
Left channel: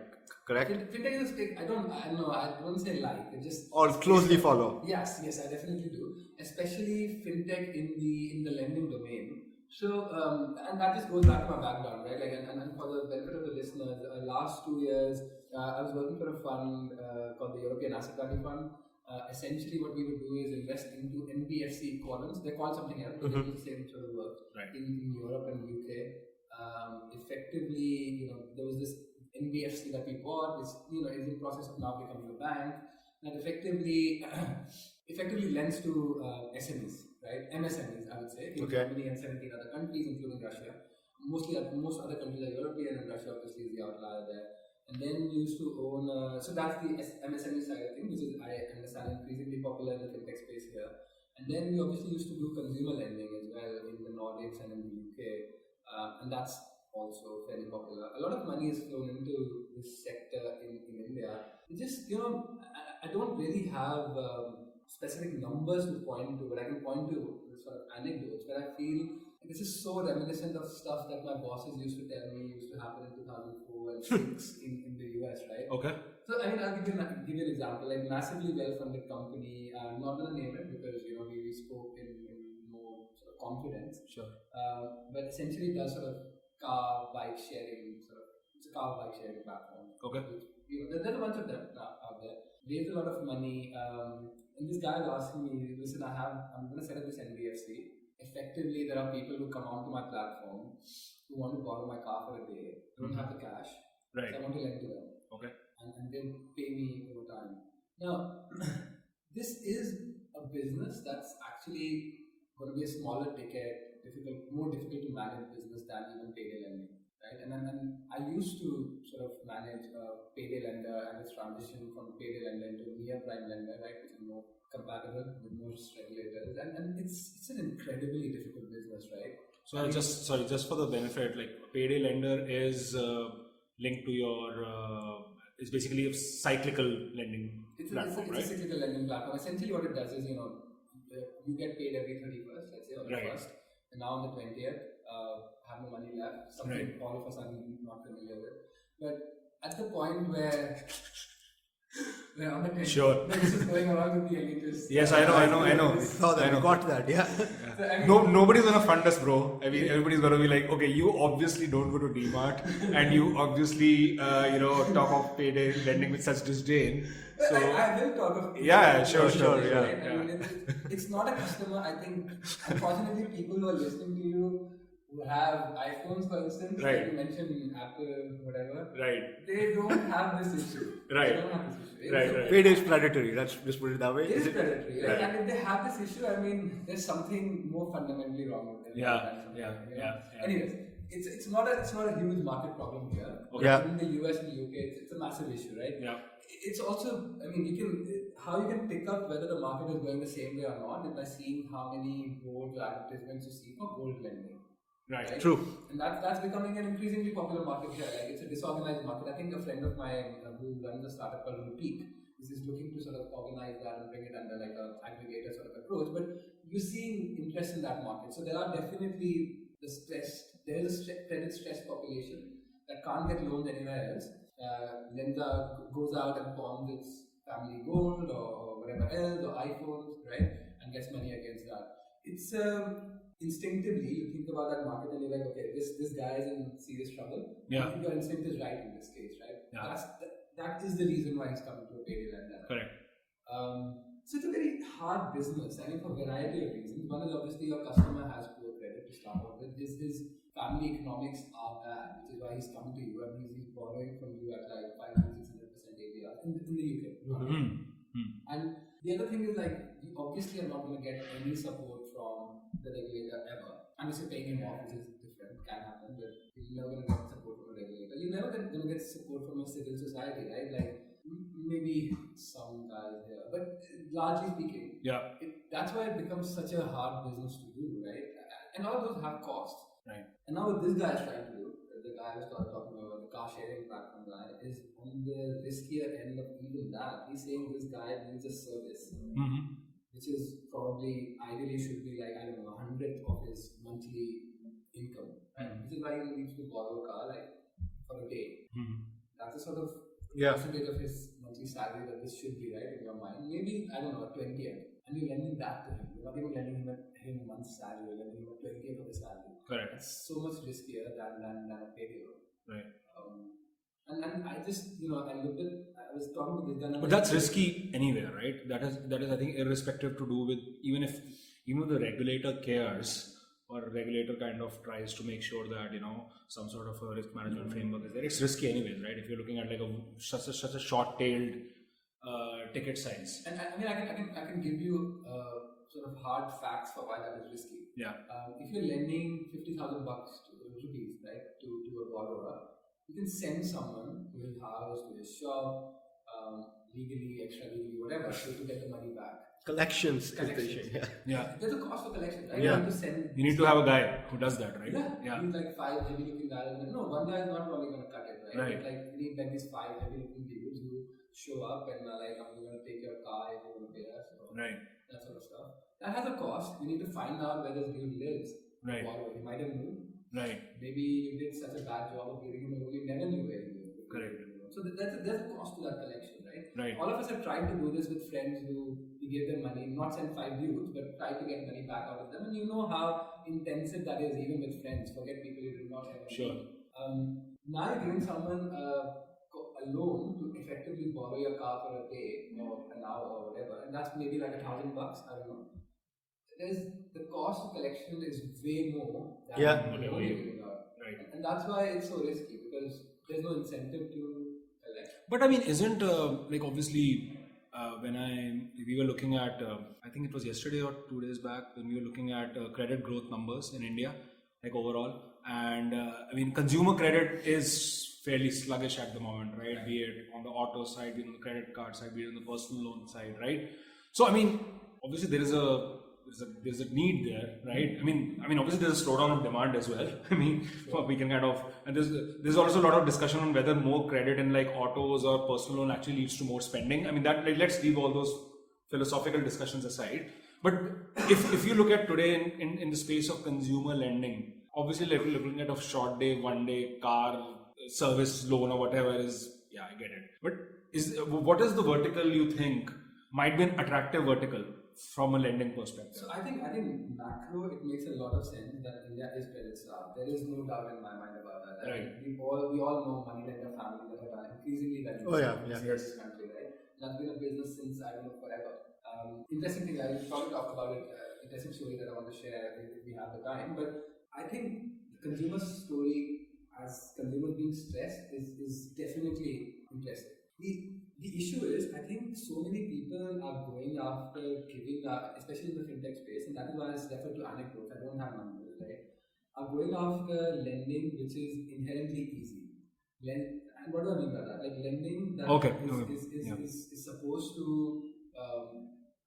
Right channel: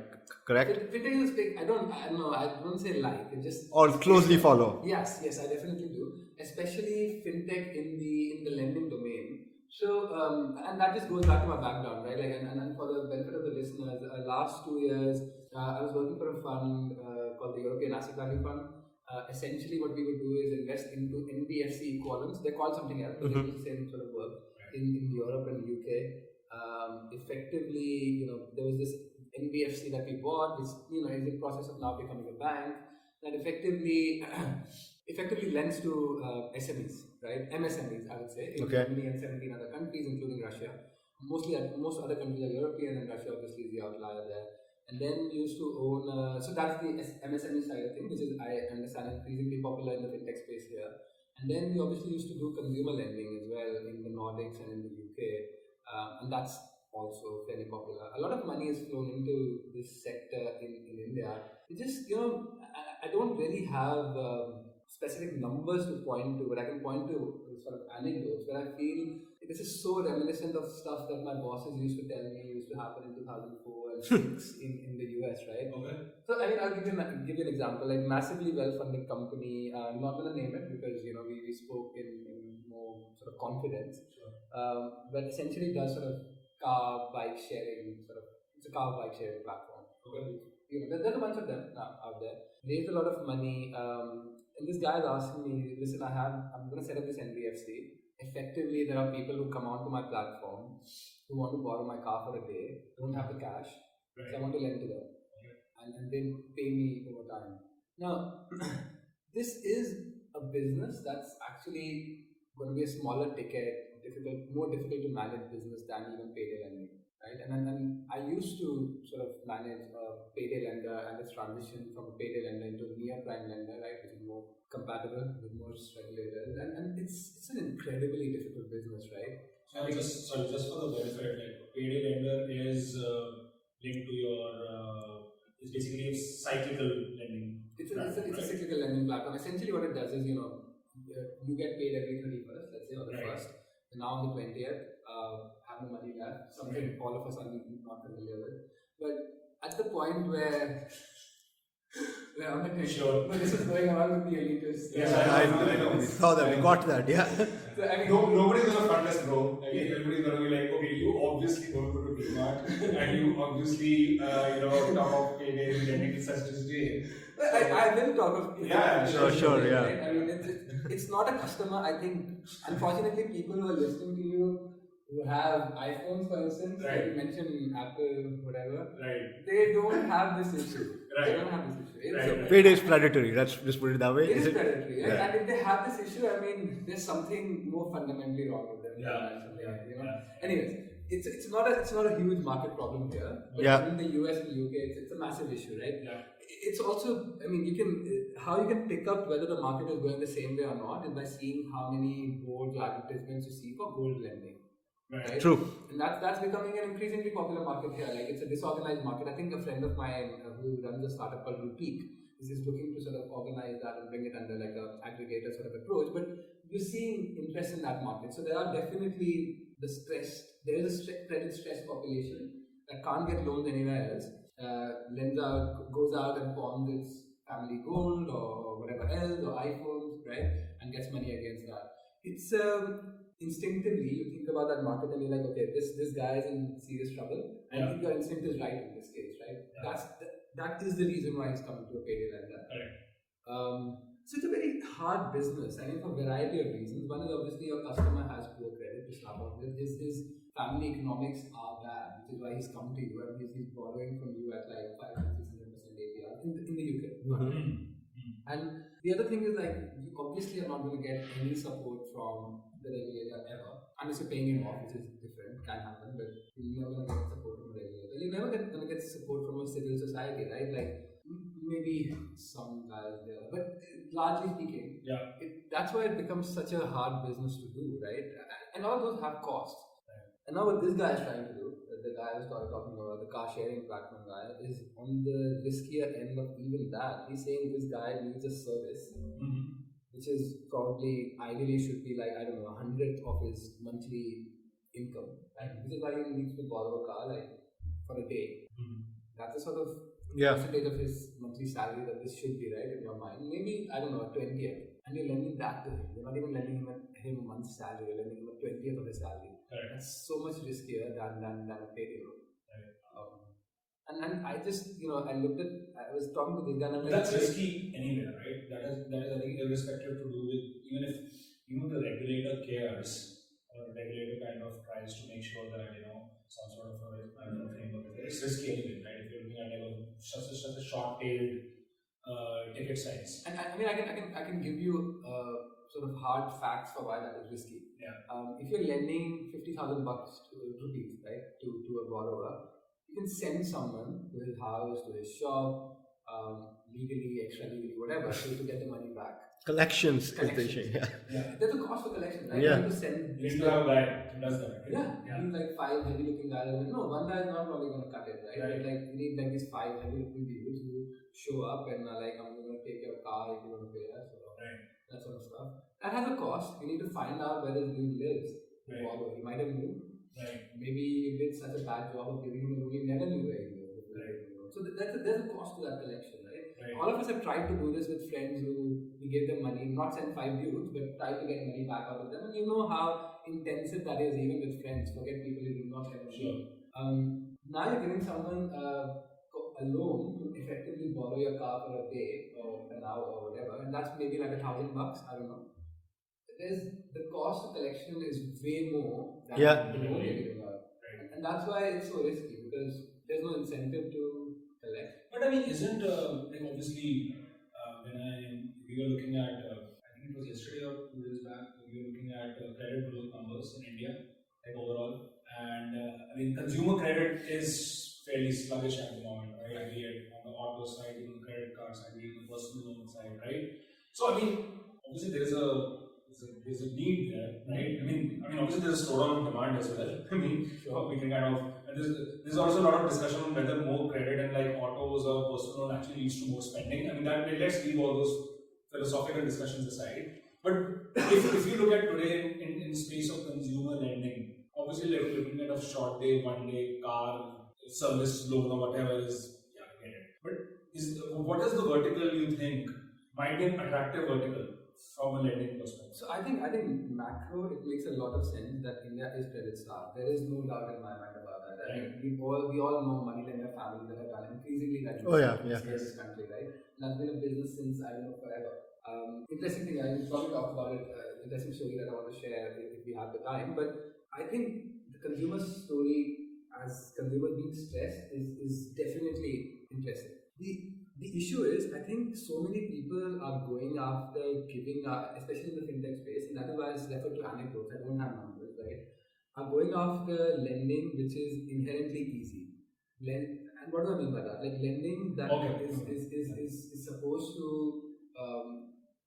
correct? Fintech is a space I don't say like, it just Or closely follow. Yes, I definitely do. Especially fintech in the lending domain. So, and that just goes back to my background, right? Like, and for the benefit of the listeners, last 2 years, I was working for a fund called the European Asset Value Fund. Essentially, what we would do is invest into NBFC equivalents. They're called something else, but it's the same sort of work in Europe and UK. Effectively, there was this NBFC that we bought, which is in process of now becoming a bank, that effectively lends to SMEs, right? MSMEs, I would say, in Germany and 17 other countries, including Russia. Most other countries are European, and Russia obviously is the outlier there. And then we used to own, so that's the MSME side of things, which is, I understand, increasingly popular in the fintech space here. And then we obviously used to do consumer lending as well in the Nordics and in the UK, and that's also fairly popular. A lot of money is flown into this sector in India. It just, I don't really have specific numbers to point to, but I can point to sort of anecdotes where I feel this is so reminiscent of stuff that my bosses used to tell me used to happen in 2004 and 6 in the US, right? Okay. So, I mean, I'll give you an example. Like, massively well-funded company, I'm not going to name it because, we spoke in more sort of confidence. Sure. But essentially does sort of car bike sharing, it's a car bike sharing platform. Okay. There's a bunch of them out there. Raised a lot of money. And this guy is asking me, listen, I'm going to set up this NBFC. Effectively, there are people who come onto my platform who want to borrow my car for a day, don't have the cash, Right. so I want to lend to them. Okay. And they pay me over time. Now, this is a business that's actually going to be a smaller ticket, more difficult to manage business than even payday lending, right? And I used to sort of manage a payday lender and its transition from a payday lender into a near prime lender, right, which is more compatible with most regulators, and it's an incredibly difficult business, right? So just for the benefit, like payday lender is linked to your it's basically a cyclical lending platform, It's a cyclical lending platform. Essentially what it does is, you get paid every 31st, let's say, or the 1st, and now on the 20th, have no money left, something all of us are not familiar with. But at the point where on the 20th, Sure. this is going around with the elitists. Yes, I know. We saw that, we got that, yeah. So, I mean, Nobody's gonna front us, bro. I mean, everybody's gonna be like, okay, you obviously don't go to DMart, and you obviously, talk of payday lending with such disdain. So, I will talk of sure, yeah. Right? I mean, it's not a customer. I think, unfortunately, people who are listening to you who have iPhones, for instance, like you mentioned Apple, whatever, they don't have this issue. They don't have this issue. Right. Payday is predatory, let's just put it that way. It is predatory, right? And if they have this issue, I mean, there's something more fundamentally wrong with them. Anyways, it's not a huge market problem here. In the US and UK, it's a massive issue, right? Yeah. It's also, I mean, how you can pick up whether the market is going the same way or not is by seeing how many boards or advertisements you see for gold lending. Right? True. And that's becoming an increasingly popular market here. Like, it's a disorganized market. I think a friend of mine who runs a startup called Rupeek is looking to sort of organize that and bring it under like a aggregator sort of approach. But you're seeing interest in that market. So there are definitely there is a credit stressed population that can't get loans anywhere else. Goes out and pawns its family gold or whatever else, or iPhones, right? And gets money against that. instinctively you think about that market and you're like, okay, this guy is in serious trouble. Yeah. I think your instinct is right in this case, right? Yeah. That is the reason why he's coming to a payday lender. Correct. So it's a very hard business. I mean, for a variety of reasons. One is obviously your customer has poor credit to start off with. His family economics are bad, which is why he's come to you and he's borrowing from you at like 500-600% APR in the UK. And the other thing is like you obviously are not going to get any support from the regulator ever, unless you're paying him off, which is different, can happen, but you're never going to get support from a regulator. You're never going to get support from a civil society, right? Like maybe some guys there, but largely speaking, that's why it becomes such a hard business to do, right? And all those have costs. Right. And now what this guy is trying to do, the guy I was talking about, the car sharing platform guy, is on the riskier end of even that. He's saying this guy needs a service, which is probably ideally should be like, I don't know, 100th of his monthly income, right? Which is why he needs to borrow a car like for a day. That's a sort of percentage of his monthly salary that this should be, right, in your mind. Maybe, I don't know, a 20th. And you're lending that to him. You're not even lending him a month's salary, you're lending him a 20th of his salary. Correct. That's so much riskier than a payday loan. Right. And I just, I looked at, I was talking to this guy. But that's risky anyway, right? That is I think irrespective to do with even if the regulator cares or regulator kind of tries to make sure that some sort of a risk management framework is there. It's risky anyways, right? If you're looking at like such a short-tailed ticket size. And I mean, I can give you sort of hard facts for why that is risky. Yeah. If you're lending 50,000 rupees, right, to a borrower, you can send someone to his house, to his shop, legally, extra legally, whatever, to get the money back. Collections is the issue. Yeah. There's a cost for collection, right? Yeah. You need to have a guy who does that, right? Yeah. You need like 5 heavy-looking guys. No, one guy is not probably going to cut it, right? You need like these 5 heavy-looking dudes who show up and are like, I'm going to take your car if you want to pay us. So that sort of stuff. That has a cost. You need to find out where this dude lives. Right. He might have moved. Right. Maybe you did such a bad job of giving him a room, you never knew where he lived. Correct. So there's a cost to that collection, right? Right. All of us have tried to do this with friends who we gave them money, not send 5 dudes, but try to get money back out of them. And you know how intensive that is, even with friends. Forget people you do not ever meet. Now you're giving someone a loan to effectively borrow your car for a day or an hour or whatever, and that's maybe like $1,000. I don't know. The cost of collection is way more than the loan you're giving out. Right. And that's why it's so risky, because there's no incentive to collect. But I mean, isn't like obviously we were looking at I think it was yesterday or 2 days back when we were looking at credit growth numbers in India, like overall, and I mean consumer credit is fairly sluggish at the moment, right? Be it on the auto side, be it on the credit card side, be it on the personal loan side, right? So I mean, obviously there is there's a need there, right? I mean, obviously there's a slowdown of demand as well. I mean, we can kind of, and there's also a lot of discussion on whether more credit in like autos or personal loan actually leads to more spending. I mean, let's leave all those philosophical discussions aside. But if you look at today in the space of consumer lending, obviously looking at a short day, 1 day car service loan or whatever is, I get it. But what is the vertical you think might be an attractive vertical from a lending perspective? So I think macro, it makes a lot of sense that India is credit starved. There is no doubt in my mind about that. Right. We all know money lender families that have done increasingly that in this country, right? And that's been a business since, I don't know, forever. Interesting thing, I will probably talk about it, interesting story that I want to share if we have the time. But I think the consumer story as consumers being stressed is definitely interesting. The issue is, I think so many people are going after giving, especially in the fintech space, and that is why I refer to anecdotes, I don't have numbers, right? Are going after lending which is inherently easy. And what do I mean by that? Like lending that is supposed to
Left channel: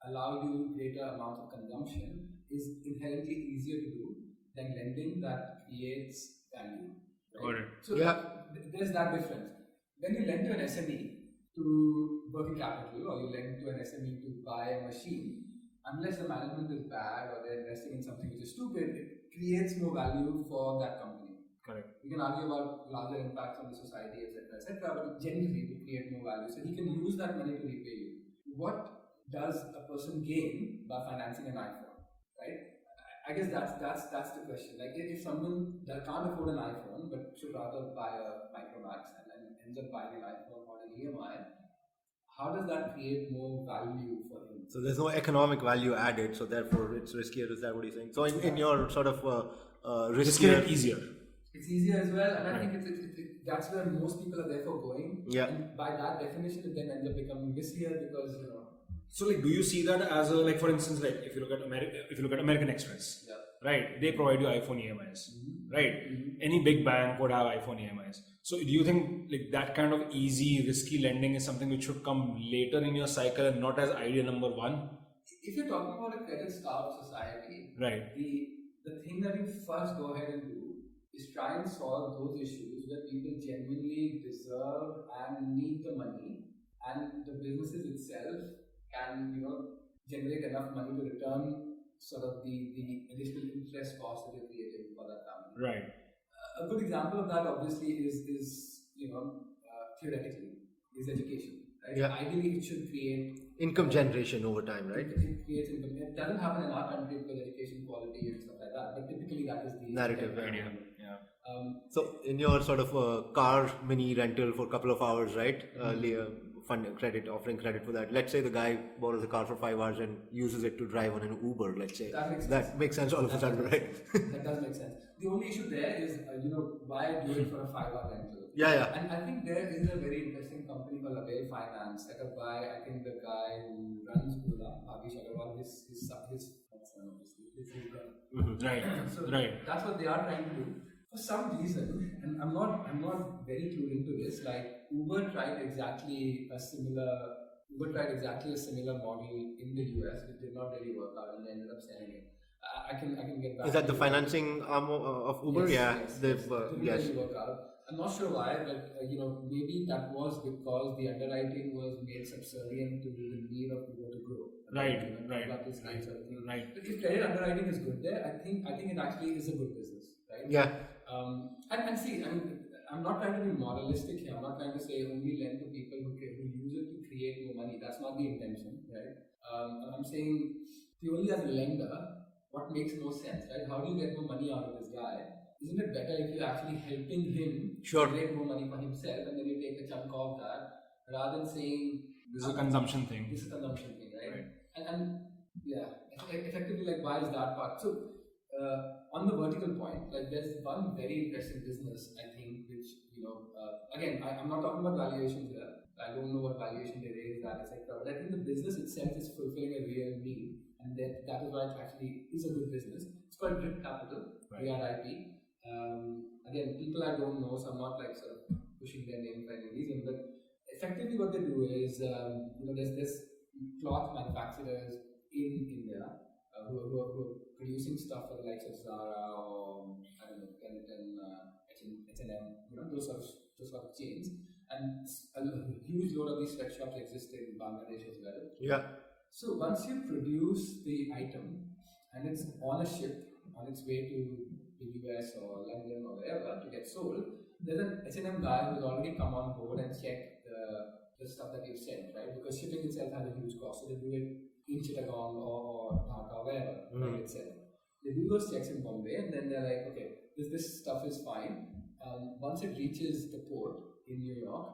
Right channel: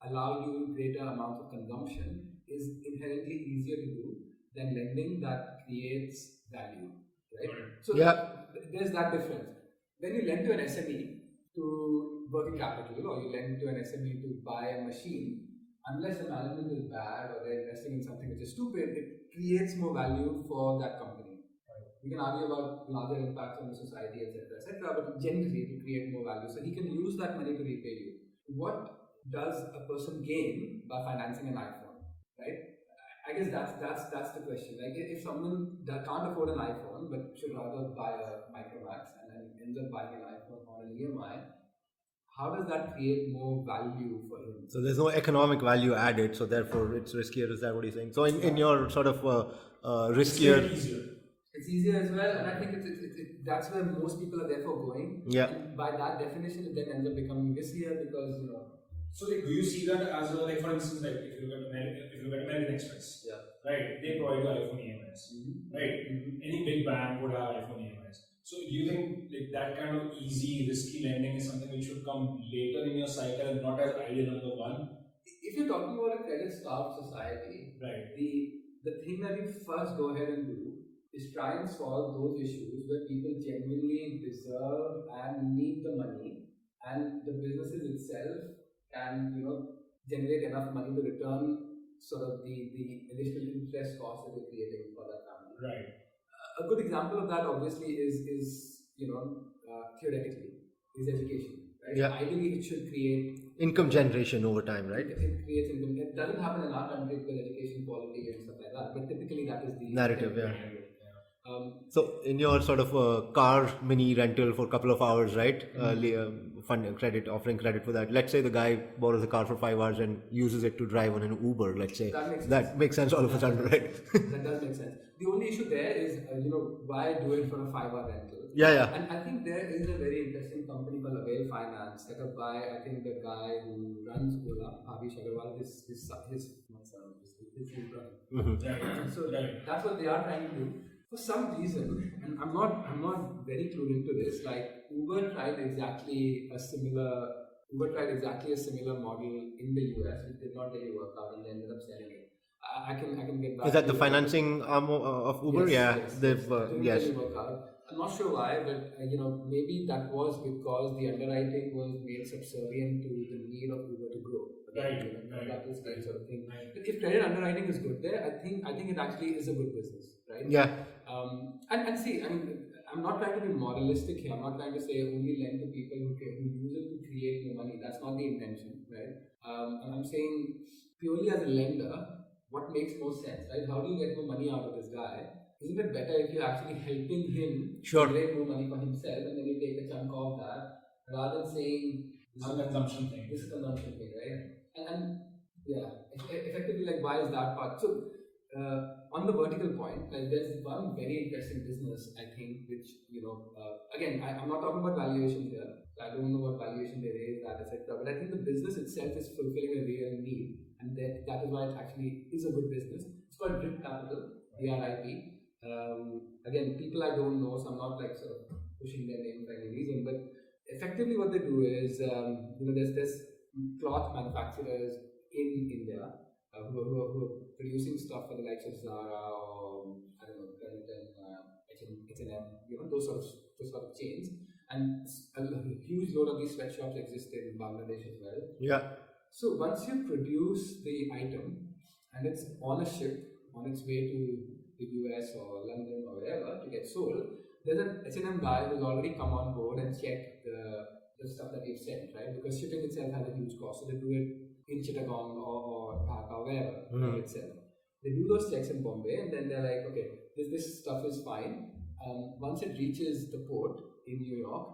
allow you greater amounts of consumption is inherently easier to do than lending that creates value. Right? So there's that difference. When you lend to an SME to working capital, or you lend to an SME to buy a machine, unless the management is bad or they're investing in something which is stupid, it creates more value for that company. Correct. We can argue about larger impacts on the society, etc., but generally it will create more value. So he can use that money to repay you. What does a person gain by financing an iPhone, right? I guess that's the question. Like if someone that can't afford an iPhone but should rather buy a Micromax and then ends up buying an iPhone on an EMI, how does that create more value for him? So there's no economic value added, so therefore it's riskier. Is that what you're saying? So in your sort of riskier, easier. It's easier as well, and I think that's where most people are therefore going. Yeah. And by that definition, it then ends up becoming riskier because So like, do you see that as a, like, for instance, like if you look at American Express, yeah. right? They provide you iPhone EMIs, right? Any big bank would have iPhone EMIs. So do you think like that kind of easy, risky lending is something which should come later in your cycle and not as idea number one? If you're talking about a credit-starved society, right? The thing that you first go ahead and do is try and solve those issues where people genuinely deserve and need the money, and the businesses itself can generate enough money to return sort of the additional interest cost that they're creating for that family. Right. A good example of that obviously is theoretically is education. Right? Yeah. Ideally, it should create income generation over time, right? It creates income. It doesn't happen in our country because education quality and stuff like that. But typically, that is the Narrative, yeah. Yeah. So in your sort of car mini rental for a couple of hours, right? Offering credit for that. Let's say the guy borrows a car for 5 hours and uses it to drive on an Uber. Let's say that makes sense all of a sudden, right? That does make sense. The only issue there is, why do it for a 5-hour rental? Yeah. And I think there is a very interesting company called Avail Finance, set up by I think the guy who runs Ola, Bhavish Agarwal. His Right. So that's what they are trying to do. For some reason, and I'm not very clued into this, like Uber tried exactly a similar model in the US, which did not really work out, and they ended up selling it. I can get back. Is that the financing arm of Uber? Yes. They've Didn't really work out. I'm not sure why, but maybe that was because the underwriting was made subservient to the need of Uber to grow. Right. That is kind of thing. Right. But if credit underwriting is good there, I think it actually is a good business, right? Yeah. And see, I'm not trying to be moralistic here. I'm not trying to say only lend to people who use it to create more money. That's not the intention, right? And I'm saying purely as a lender, what makes more sense, right? How do you get more money out of this guy? Isn't it better if you're actually helping him generate more money for himself, and then you take a chunk of that, rather than saying this is a consumption thing. This is a consumption thing, right? And effectively, like, why is that part? So on the vertical point, like, there's one very interesting business, I think, which again, I'm not talking about valuations here. I don't know what valuation they raise that, etc. But I think the business itself is fulfilling a real need, and that is why it actually is a good business. It's called Drip Capital, DRIP. Again, people I don't know, so I'm not like sort of pushing their name for any reason. But effectively, what they do is, there's cloth manufacturers in India who are producing stuff for the likes of Zara or I don't know, Benetton, H&M, those sort of chains. And a huge load of these sweatshops exist in Bangladesh as well. Yeah. So once you produce the item and it's on a ship on its way to the US or London or wherever to get sold, there's an H&M guy who's already come on board and checked the stuff that you've sent, right? Because shipping itself has a huge cost, so they do it in Chittagong or Dhaka or wherever itself. They do those checks in Bombay, and then they're like, okay, this stuff is fine. Once it reaches the port in New York,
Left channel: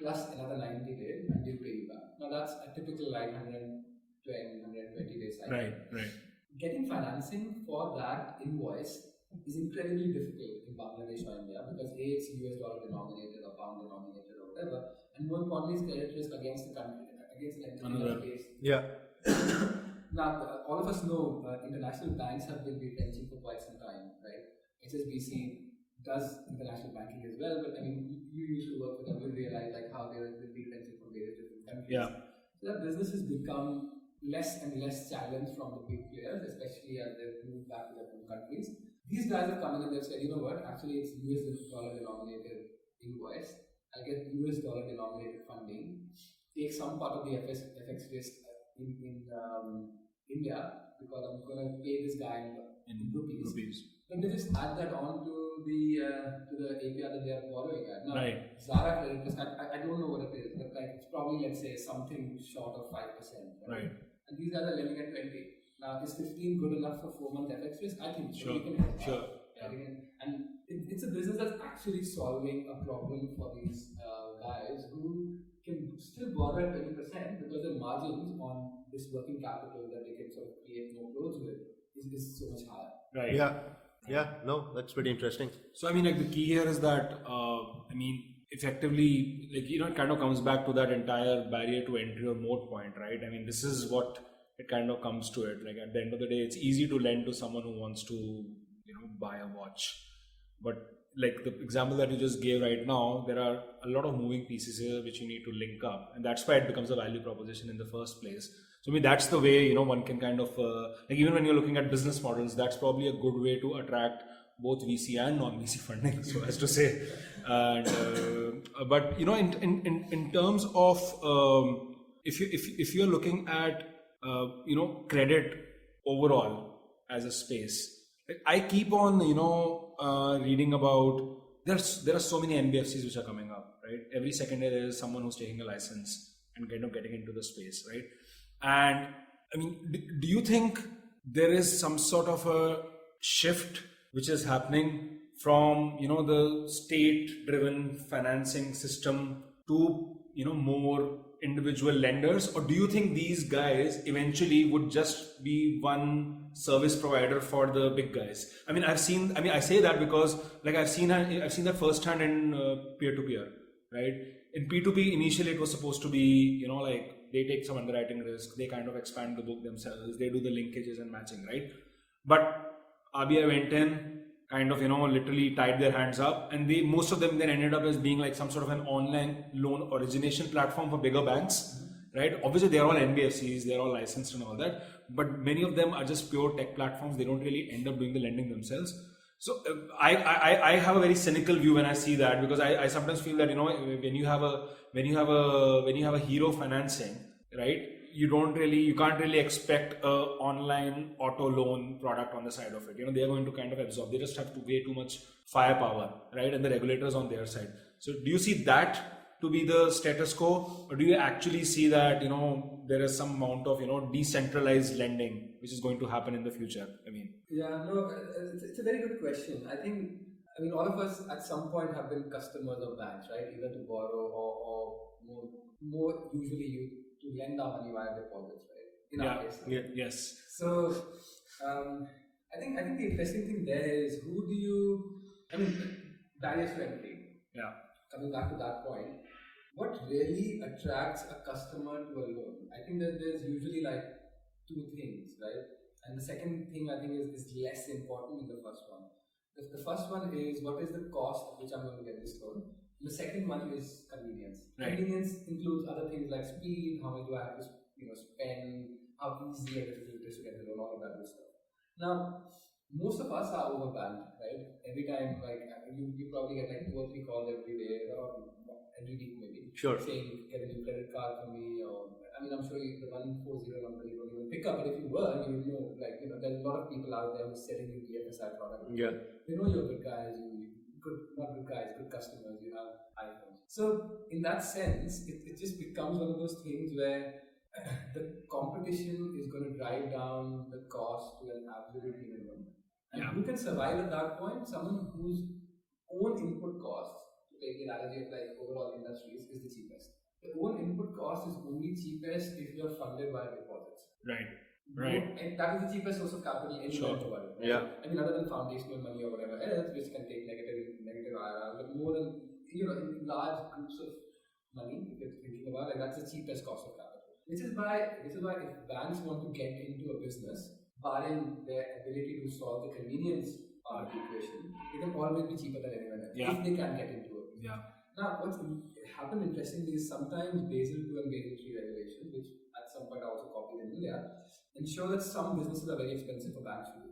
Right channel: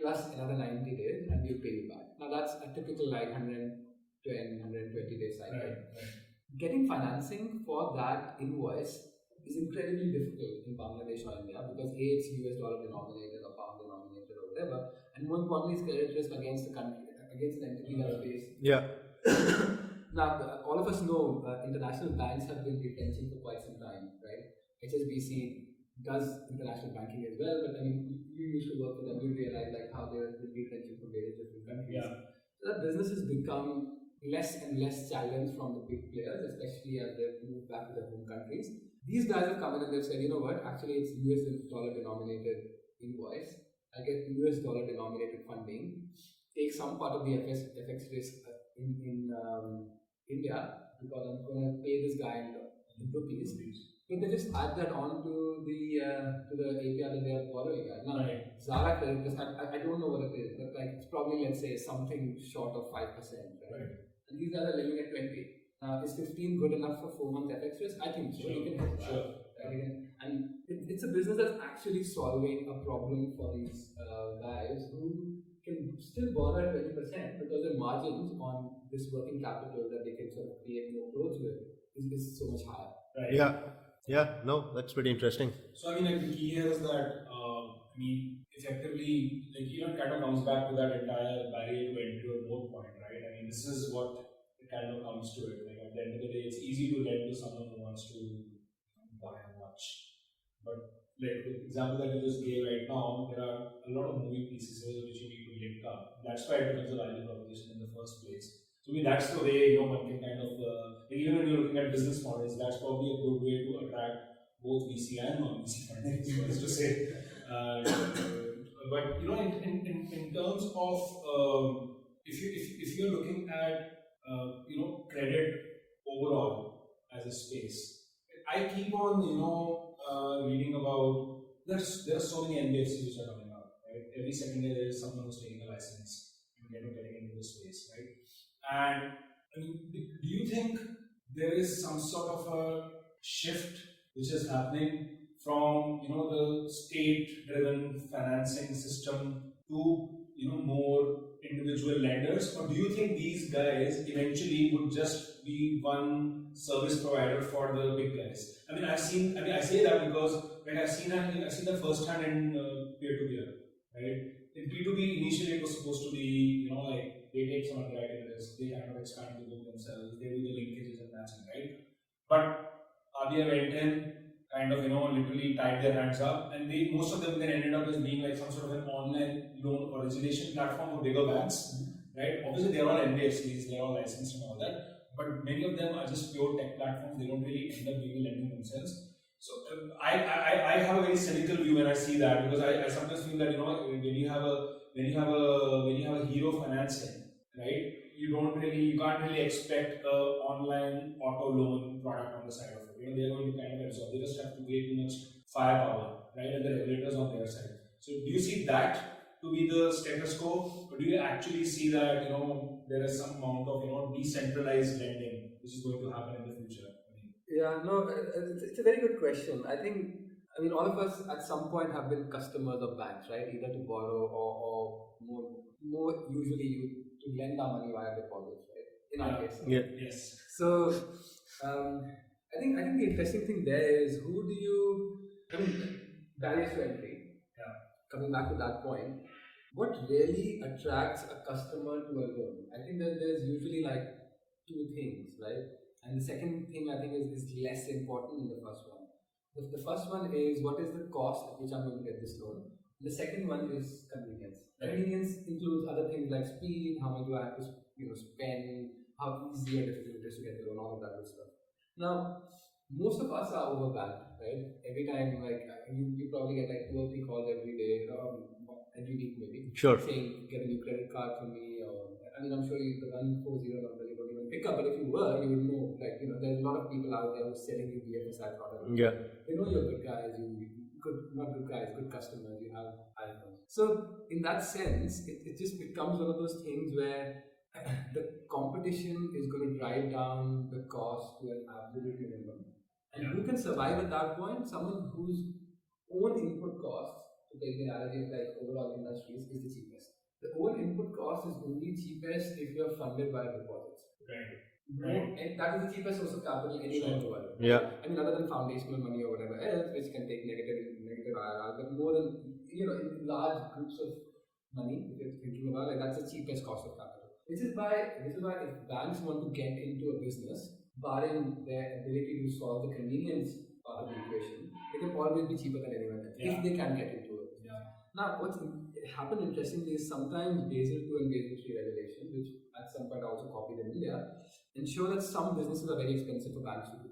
plus another 90 days, and we'll pay you back. Now that's a typical like 120 days cycle. Right. Getting financing for that invoice is incredibly difficult in Bangladesh or India because A, it's US dollar denominated or pound denominated or whatever, and more importantly, it's credit risk against the country, against an entity that's based. Yeah. Now, all of us know international banks have been retrenching for quite some time, right? HSBC does international banking as well, but I mean, you used to work with them, you realize like how they're retrenching from various different countries. Yeah. So that business has become less and less challenged from the big players, especially as they move back to their home countries. These guys have come in and they've said, you know what, actually it's US dollar denominated invoice, I get US dollar denominated funding, take some part of the FX risk in India because I'm going to pay this guy in rupees. But they just add that on to the API that they are borrowing at. Now, Zara credit risk, I don't know what it is, but like it's probably, let's say, something short of 5%. Right? And these guys are lending at 20. Now, is 15 good enough for 4-month FX risk? I think so. Sure. You can help. Sure. Right? And it's a business that's actually solving a problem for these guys who can still borrow at 20% because the margins on this working capital that they can sort of create more clothes with is so much higher. Right. Yeah, no, that's pretty interesting. So I mean, like the key here is that effectively, like it kind of comes back to that entire barrier to entry or moat point, right? I mean, this is what it kind of comes to it. Like at the end of the day, it's easy to lend to someone who wants to buy a watch, but like the example that you just gave right now, there are a lot of moving pieces here which you need to link up, and that's why it becomes a value proposition in the first place. So I mean, that's the way one can kind of like even when you're looking at business models, that's probably a good way to attract both VC and non-VC funding, so as to say. But in terms of if you're looking at credit overall as a space, I keep on reading about there are so many NBFCs which are coming up, right? Every second day there is someone who's taking a license and kind of getting into the space, right? And I mean, do you think there is some sort of a shift which is happening from the state-driven financing system to more individual lenders, or do you think these guys eventually would just be one service provider for the big guys? I mean, I say that because like I've seen that firsthand in peer-to-peer, right? In P2P, initially it was supposed to be like they take some underwriting risk, they kind of expand the book themselves, they do the linkages and matching, right? But RBI went in, kind of literally tied their hands up, and most of them then ended up as being like some sort of an online loan origination platform for bigger banks, right? Obviously they're all NBFCs, they're all licensed and all that, but many of them are just pure tech platforms. They don't really end up doing the lending themselves. So I have a very cynical view when I see that, because I sometimes feel that when you have a hero financing, right, you can't really expect a online auto loan product on the side of it. They are going to kind of absorb. They just have way too much firepower, right, and the regulators on their side. So do you see that to be the status quo, or do you actually see that there is some amount of decentralized lending which is going to happen in the future? I mean, yeah, no, it's a very good question. I mean, all of us at some point have been customers of banks, right? Either to borrow or more usually to lend our money via deposits, right? In our case. Yeah. Yes. So, I think the interesting thing there is barriers to entry. Yeah. Coming back to that point, what really attracts a customer to a loan? I think that there's usually like two things, right? And the second thing I think is less important than the first one. The first one is what is the cost at which I'm going to get this loan. The second one is convenience. Right. Convenience includes other things like speed, how much do I have to spend, how easy or difficult it is to get the loan, all of that good stuff. Now, most of us are overbanked, right? Every time, like you probably get like 2 or 3 calls every day, every week maybe, Sure, saying get a new credit card for me, or I mean, I'm sure the 140 number you don't even pick up, but if you were, you would know. Like there's a lot of people out there who are selling you BFSI products. yeah, They know you're good guys. Not good guys, good customers. You have iPhones. So in that sense, it just becomes one of those things where the competition is going to drive down the cost to an absolute minimum. And who can survive at that point? Someone whose own input costs, to take the analogy of like overall industries, is the cheapest. The own input cost is only cheapest if you're funded by deposits. Right. And that is the cheapest source of capital anywhere in the world. yeah, I mean, other than foundational money or whatever else, which can take negative IRR, but more than in large groups of money, if you're thinking about that's the cheapest cost of capital. This is why if banks want to get into a business, barring their ability to solve the convenience part of the equation, it can always be cheaper than anyone else if they can get into it. Yeah. Now, what's happened interestingly is sometimes Basel II and Basel III regulation, which at some point I also copied in India, ensure that some businesses are very expensive for banks to do.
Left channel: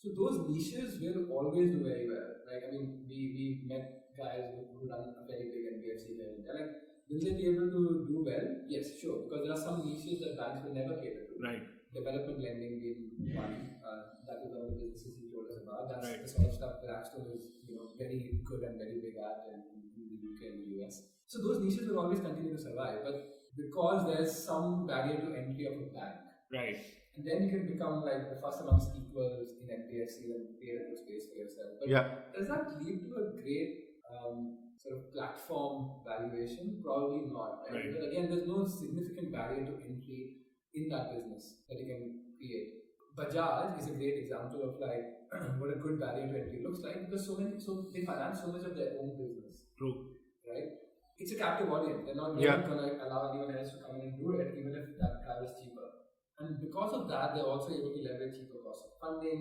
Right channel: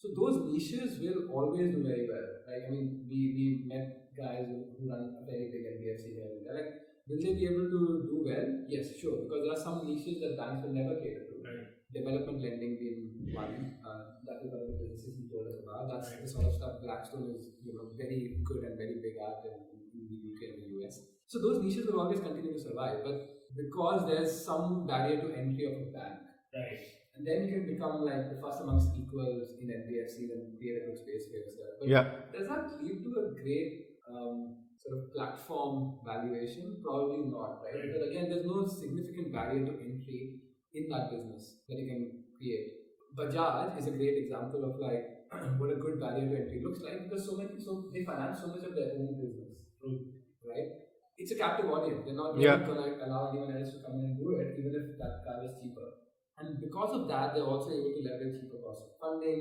So those niches will always do very well. Like, I mean, we met guys who run a very big NBFC here, and they're like, will they be able to do well? Yes, sure, because there are some niches that banks will never cater to. Right. Development lending being one. That is one of the businesses he told us about. That's the sort of stuff Blackstone is, very good and very big at in the UK and the US. So those niches will always continue to survive, but because there's some barrier to entry of a bank, Right. and then you can become like the first amongst equals in NBFC and create a good space for yourself. But Yeah. does that lead to a great sort of platform valuation? Probably not, right? Right. But again, there's no significant barrier to entry in that business that you can create. Bajaj is a great example of like what a good barrier to entry looks like, because so they finance so much of their own business. True. Right? It's a captive audience. They're not Yeah. going to allow anyone else to come in and do it, even if that car is cheaper. And because of that, they're also able to leverage cheaper cost of funding.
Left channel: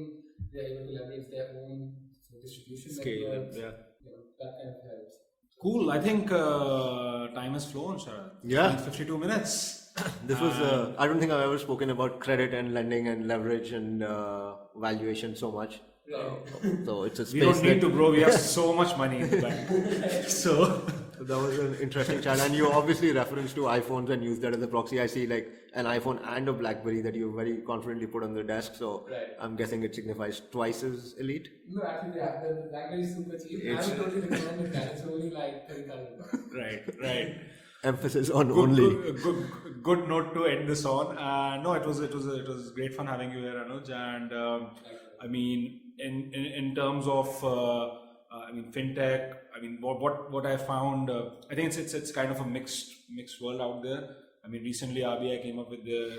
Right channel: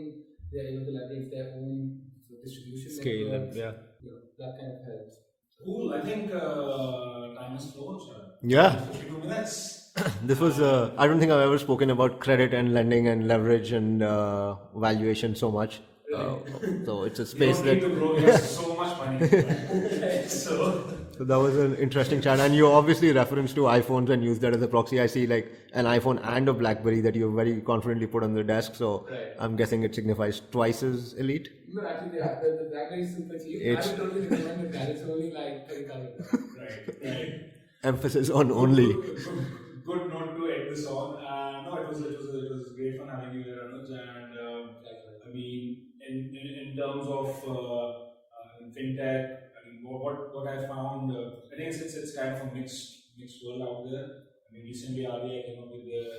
They're able to leverage their own distribution Scale and networks. yeah. You know, that kind of helps. Cool. I think time has flown, Sharad. Yeah. 52 minutes. This was, I don't think I've ever spoken about credit and lending and leverage and valuation so much. So it's a We space don't need that. to grow. We have so much money. In the bank. So So that was an interesting chat, and you obviously reference to iPhones and use that as a proxy. I see like an iPhone and a BlackBerry that you very confidently put on the desk. So Right. I'm guessing it signifies twice as elite. No, actually, the BlackBerry is super cheap. I would totally recommend that. It's only like 30,000. right. Emphasis on only. Good note to end this on. No, it was great fun having you here, Anuj. And I mean, in terms of fintech. I mean, what I found, I think it's kind of a mixed world out there. I mean, recently RBI came up with their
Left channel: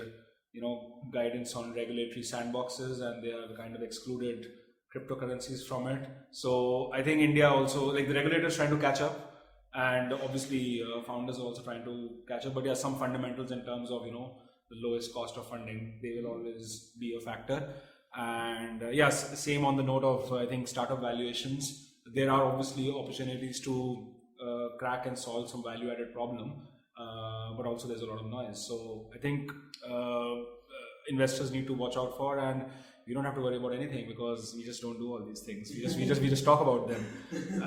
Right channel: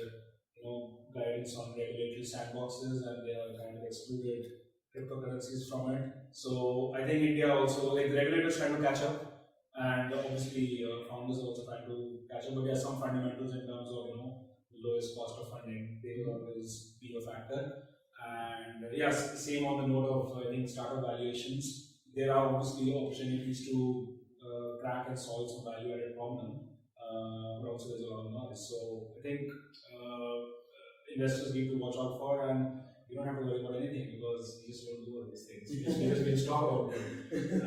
guidance on regulatory sandboxes, and they have kind of excluded cryptocurrencies from it. So I think India also, like, the regulators trying to catch up. And obviously, founders are also trying to catch up. But there are some fundamentals in terms of the lowest cost of funding. They will always be a factor. And yes, same on the note of I think startup valuations. There are obviously opportunities to crack and solve some value-added problem, but also there's a lot of noise. So I think investors need to watch out for, and we don't have to worry about anything because we just don't do all these things. We just talk about them.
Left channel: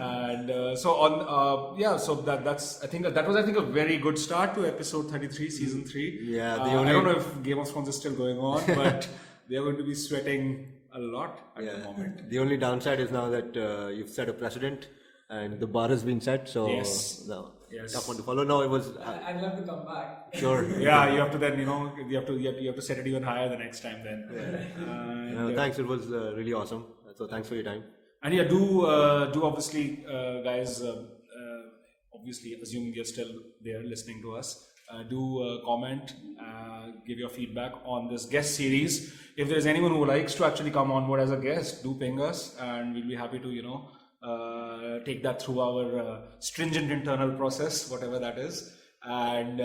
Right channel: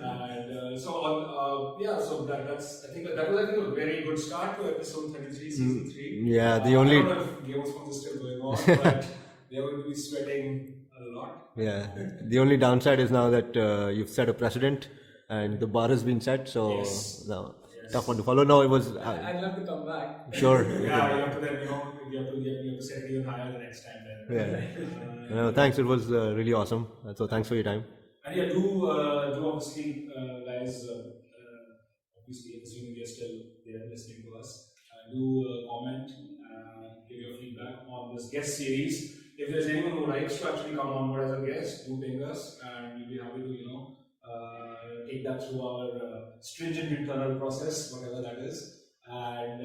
And so that's I think that was a very good start to episode 33, season 3. Yeah, I don't know if Game of Thrones is still going on, but they are going to be sweating a lot. Yeah. The only downside is now that you've set a precedent and the bar has been set. So Yes. now Yes. tough one to follow. No, it was I'd love to come back. sure. Yeah, you have to then you have to set it even higher the next time then. Yeah. Thanks. It was really awesome. So thanks for your time. And yeah, do obviously, guys. Obviously, assuming you're still there listening to us, do comment, give your feedback on this guest series. If there's anyone who likes to actually come on board as a guest, do ping us, and we'll be happy to take that through our stringent internal process, whatever that is. And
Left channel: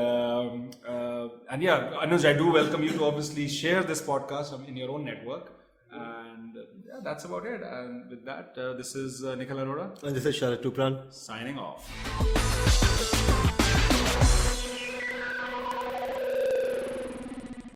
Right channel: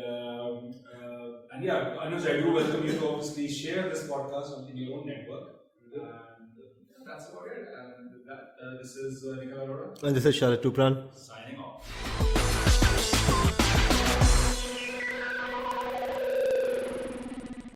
yeah, Anuj, I do welcome you to obviously share this podcast in your own network. And yeah, that's about it. And with that, this is Nikhil Arora And this is Sharad Tupran. signing off.